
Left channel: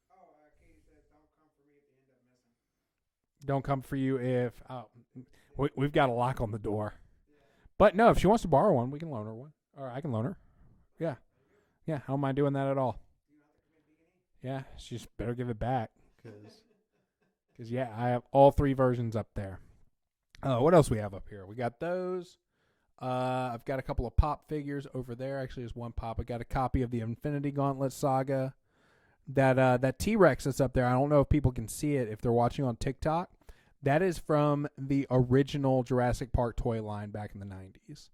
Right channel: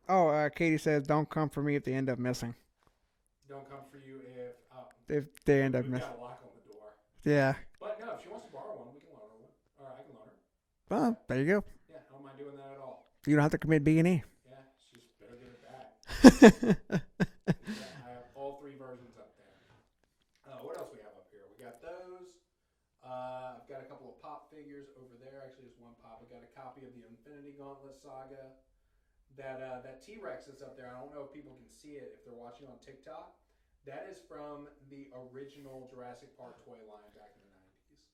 Oh, Katie says, "Don't come for me if they end up missing." Don't come for you if they end up we've got a lock on the door. Yeah. But no, if she wants to borrow one, we can loan her one. Or I can loan her. Oh, yeah. There you go. Yeah, how am I doing that at all? You don't have to commit B&E. Yeah, she just better give it back. Yeah, I have all 3 versions up there. What else we have up here? We got those. I've got a couple of pop figures over there. Actually, there's one pop. I got a copy of the Infinity Gauntlet Saga. That T-Rex that's up there, I don't know if people can see it if they're watching on TikTok. That is from the original Jurassic Park toy line back in the 90s.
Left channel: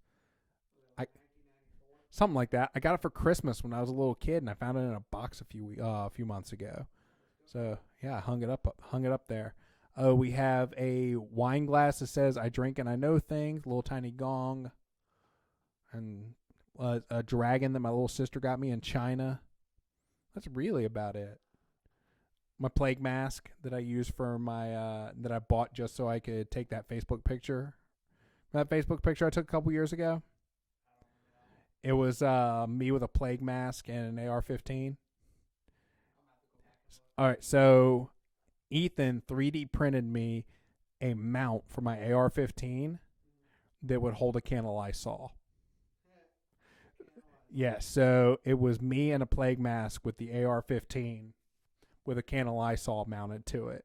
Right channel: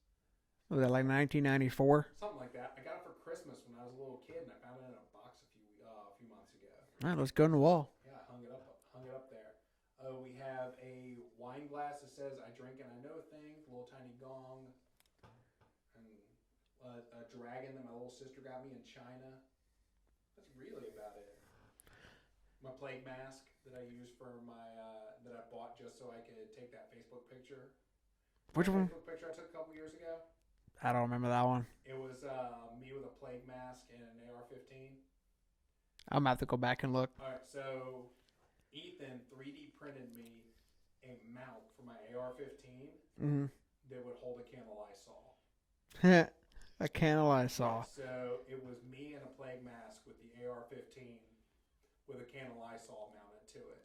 Was that like 1994? Something like that. I got it for Christmas when I was a little kid, and I found it in a box a few months ago. All right, let's go on the wall. Yeah, I hung it up there. We have a wine glass that says "I drink and I know things." A little tiny gong, and a dragon that my little sister got me in China. That's really about it. My plague mask that I use for my that I bought just so I could take that Facebook picture. That Facebook picture I took a couple years ago. I don't remember that one. It was me with a plague mask and an AR-15. I'm going to have to go back and look. All right, so Ethan 3D printed me a mount for my AR-15 that would hold a can of Lysol. A can of Lysol. Yeah, so it was me and a plague mask with the AR-15 with a can of Lysol mounted to it.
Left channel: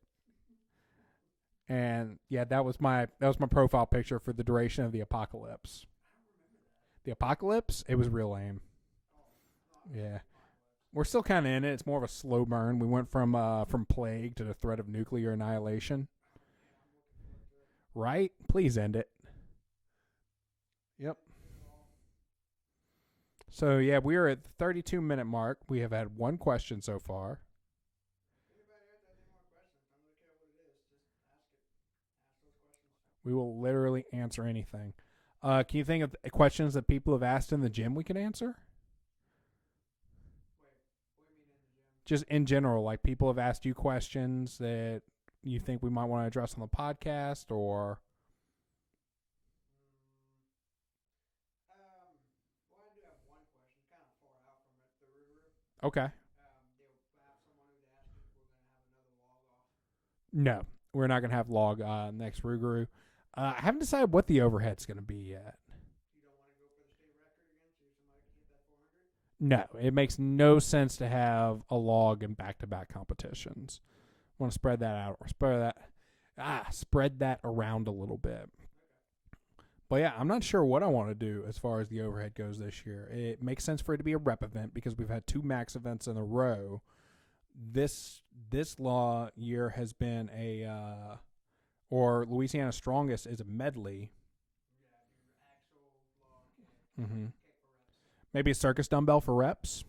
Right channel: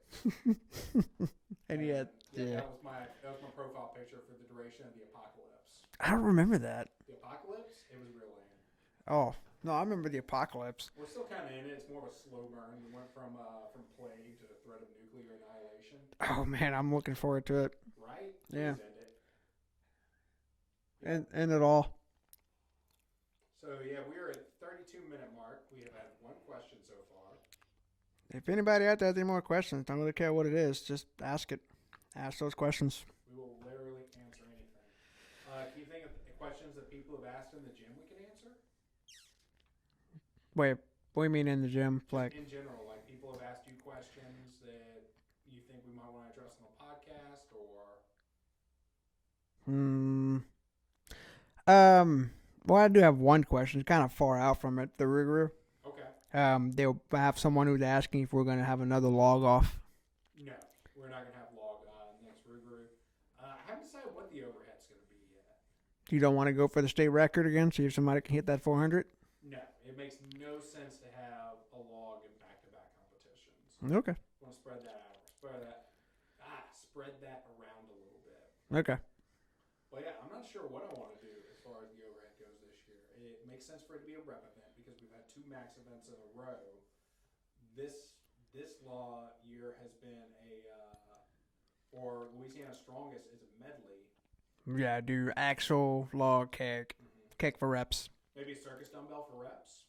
And that was my profile picture for the duration of the apocalypse. I don't remember that. The apocalypse? It was real lame. Oh, no, I remember the apocalypse. We're still kind of in it. It's more of a slow burn. We went from plague to the threat of nuclear annihilation. Oh, man, I'm looking forward to it. Right? Please end it. Yep. End it all. So, yeah, we are at the 32-minute mark. We have had one question so far. If anybody out there has any more questions, don't really care what it is. Just ask it. Ask those questions. We will literally answer anything. Can you think of questions that people have asked in the gym we can answer? Wait, what do you mean in the gym? Just in general, like people have asked you questions that you think we might want to address on the podcast, or? Well, I do have one question. It's kind of far out from it. The Rougarou. Okay. They'll have someone who's asking if we're going to have another log off. No, we're not going to have log next Rougarou. I haven't decided what the overhead's going to be yet. You don't want to go for the state record again, see if somebody can hit that 400? No, it makes no sense to have a log in back-to-back competitions. Okay. Want to spread that out, or spread that around a little bit. Okay. But yeah, I'm not sure what I want to do as far as the overhead goes this year. It makes sense for it to be a rep event because we've had 2 max events in a row. This year has been Louisiana Strongest is a medley. Yeah, do axle, log, keg. Keg for reps. Maybe a circus dumbbell for reps.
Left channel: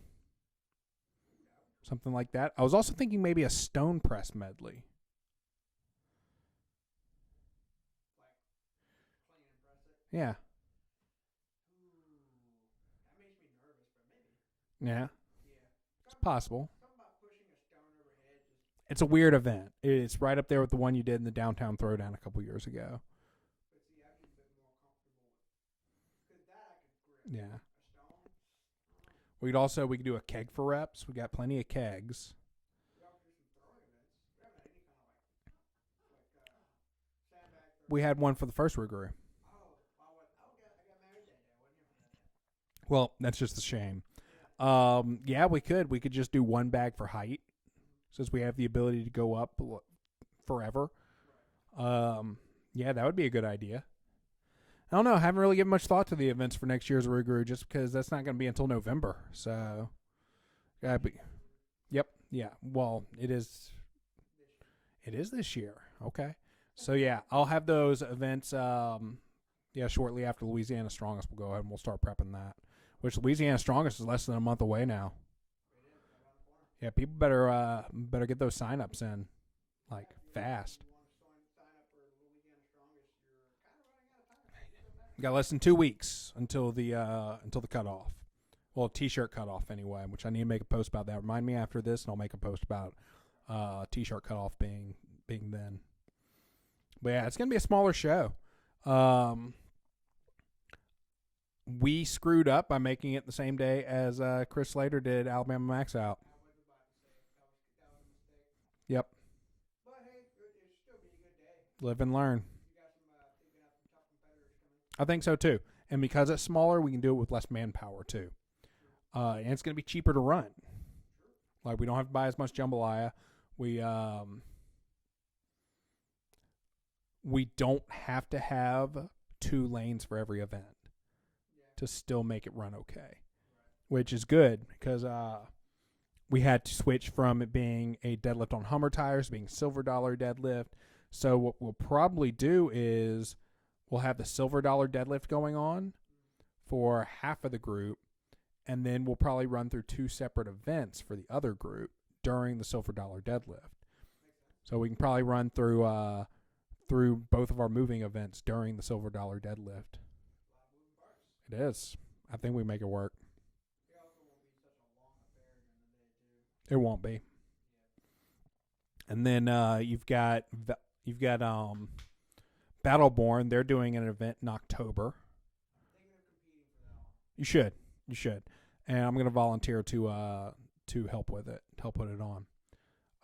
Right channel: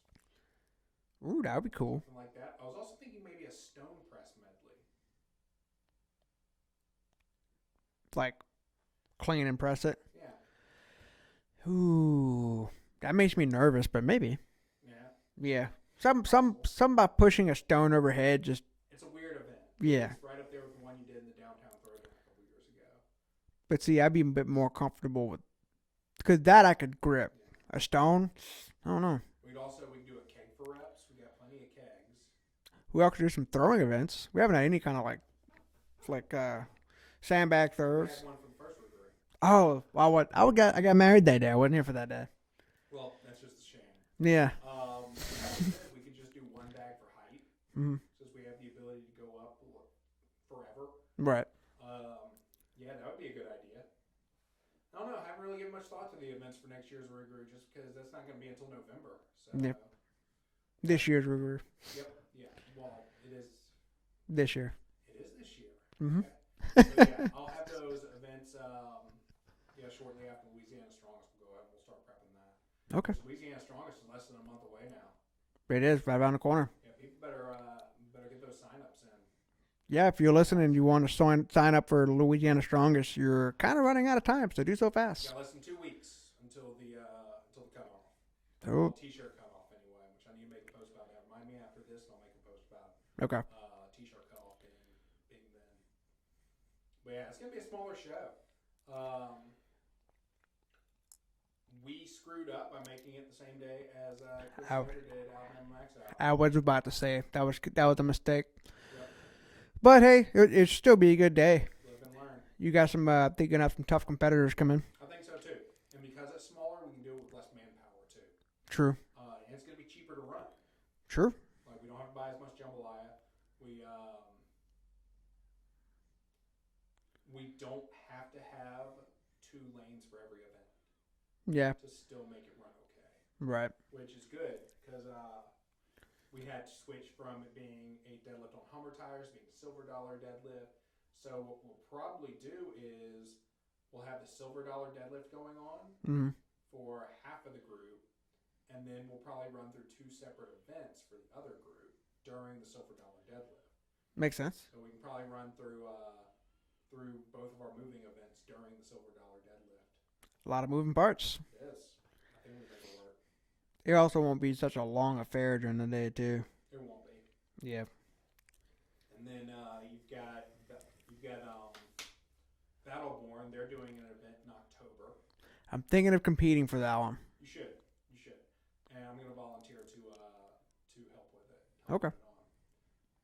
Ooh, that would be cool. Something like that. I was also thinking maybe a stone press medley. Like clean and press it? Yeah. Ooh, that makes me nervous, but maybe. Yeah. Yeah. Something about pushing a stone overhead just... It's a weird event. Yeah. It's right up there with the one you did in the downtown throwdown a couple years ago. But see, I'd be a bit more comfortable with... Because that I could grip. Yeah. A stone, I don't know. We could do a keg for reps. We got plenty of kegs. We also do some throwing events. We haven't had any kind of like sandbag throws. We had one for the first Rougarou. Oh, I got married that day. I wasn't here for that day. Well, that's just a shame. Yeah. Yeah, we could. We could just do one bag for height, since we have the ability to go up forever. Right. Yeah, that would be a good idea. I don't know. I haven't really given much thought to the events for next year's Rougarou just because that's not going to be until November. So this year's Rougarou. Yep. Yeah. Well, it is this year. It is this year. Okay. So yeah, I'll have those events. Shortly after Louisiana Strongest, we'll go ahead and we'll start prepping that. Okay. Because Louisiana Strongest is less than a month away now. It is right around the corner. Yeah, people better get those sign-ups in. Yeah, if you're listening and fast. you want to sign up for Louisiana Strongest, you're kind of running out of time, so do so fast. You got less than 2 weeks until the cutoff. Oh. Well, t-shirt cutoff anyway, which I need to make a post about that. Remind me after this, and I'll make a post about Okay. T-shirt cutoff being then. But yeah, it's gonna be a smaller show. We screwed up by making it the same day as Chris Slater did Alabama Max Out. I was about to say that was a mistake. Yep. But hey, it should still be a good day. Live and learn. You got some. I think you're gonna have some tough competitors coming. I think so too. And because it's smaller, we can do it with less manpower too. True. And it's gonna be cheaper to run. True. Like we don't have to buy as much jambalaya. We don't have to have 2 lanes for every event. Yeah. To still make it run okay. Right. Which is good because we had to switch from it being a deadlift on Hummer tires to being $silver deadlift. So what we'll probably do is we'll have the $silver deadlift going on for half of the group, and then we'll probably run through 2 separate events for the other group during the $silver deadlift. Makes sense. So we can probably run through both of our moving events during the $silver deadlift. A lot of moving parts. It is. I think we make it work. It also won't be such a long affair during the day too. It won't be. Yeah. And then you've got Battleborn. They're doing an event in October. I'm thinking of competing for that one. You should. And I'm going to volunteer to help with it. Put it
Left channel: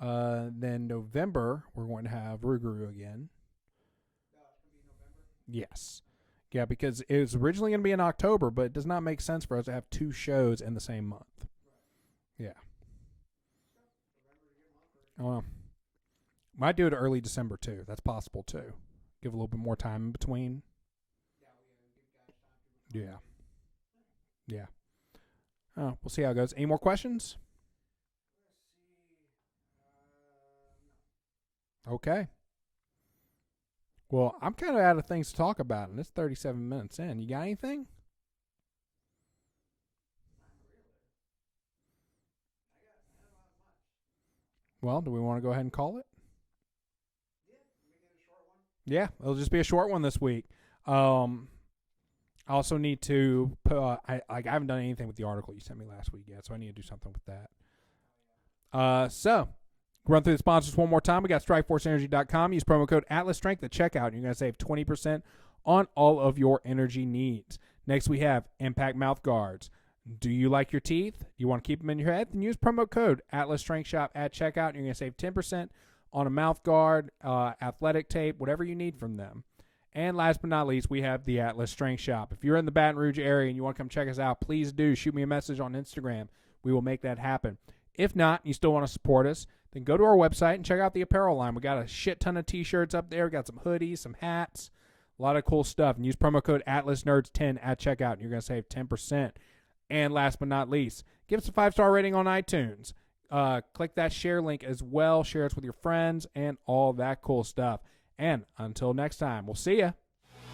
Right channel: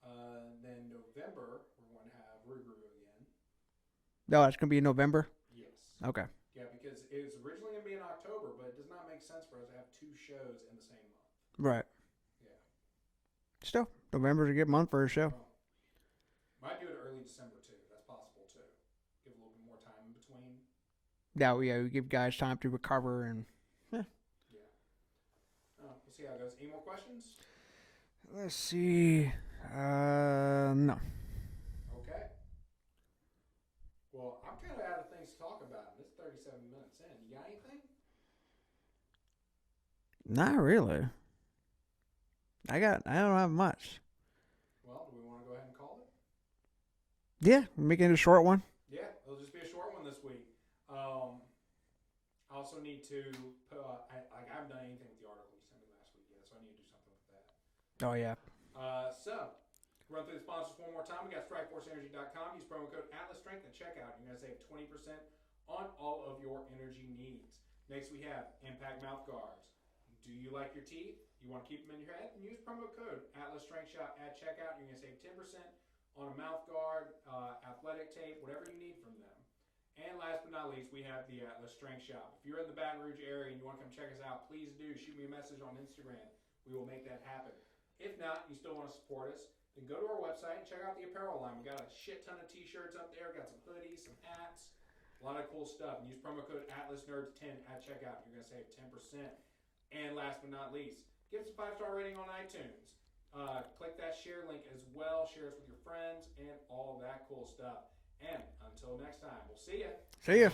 on. Then November we're going to have Ruguru again. No, it's going to be in November? Yes. Okay. Yeah, because it was originally going to be in October, but it does not make sense for us to have 2 shows in the same month. Right. Yeah. Still, November's a good month for a show. Well, might do it early December too. That's possible too. Give a little bit more time in between. Yeah, we give guys time to recover and Yeah. Oh, we'll see how it goes. Any more questions? let's see. No. Okay. Well, I'm kind of out of things to talk about, and it's 37 minutes in. You got anything? Not really. I don't have much. Well, do we want to go ahead and call it? Yeah, we're making it a short one. Yeah, it'll just be a short one this week. I also need to put, I haven't done anything with the article you sent me last week yet, so I need to do something with that. Oh, yeah. So, run through the sponsors one more time. We got StrikeForceEnergy.com. Use promo code AtlasStrength at checkout. You're going to save 20% on all of your energy needs. Next, we have Impact Mouth Guards. Do you like your teeth? You want to keep them in your head? Then use promo code AtlasStrengthShop at checkout. You're going to save 10% on a mouth guard, athletic tape, whatever you need from them. And last but not least, we have the Atlas Strength Shop. If you're in the Baton Rouge area and you want to come check us out, please do. Shoot me a message on Instagram. We will make that happen. If not, you still want to support us, then go to our website and check out the apparel line. We got a shit ton of T-shirts up there. We got some hoodies, some hats, a lot of cool stuff. And use promo code AtlasNerds10 at checkout. You're going to save 10%. And last but not least, give us a 5-star rating on iTunes. Click that share link as well. Share us with your friends and all that cool stuff. And until next time, we'll see ya. See ya.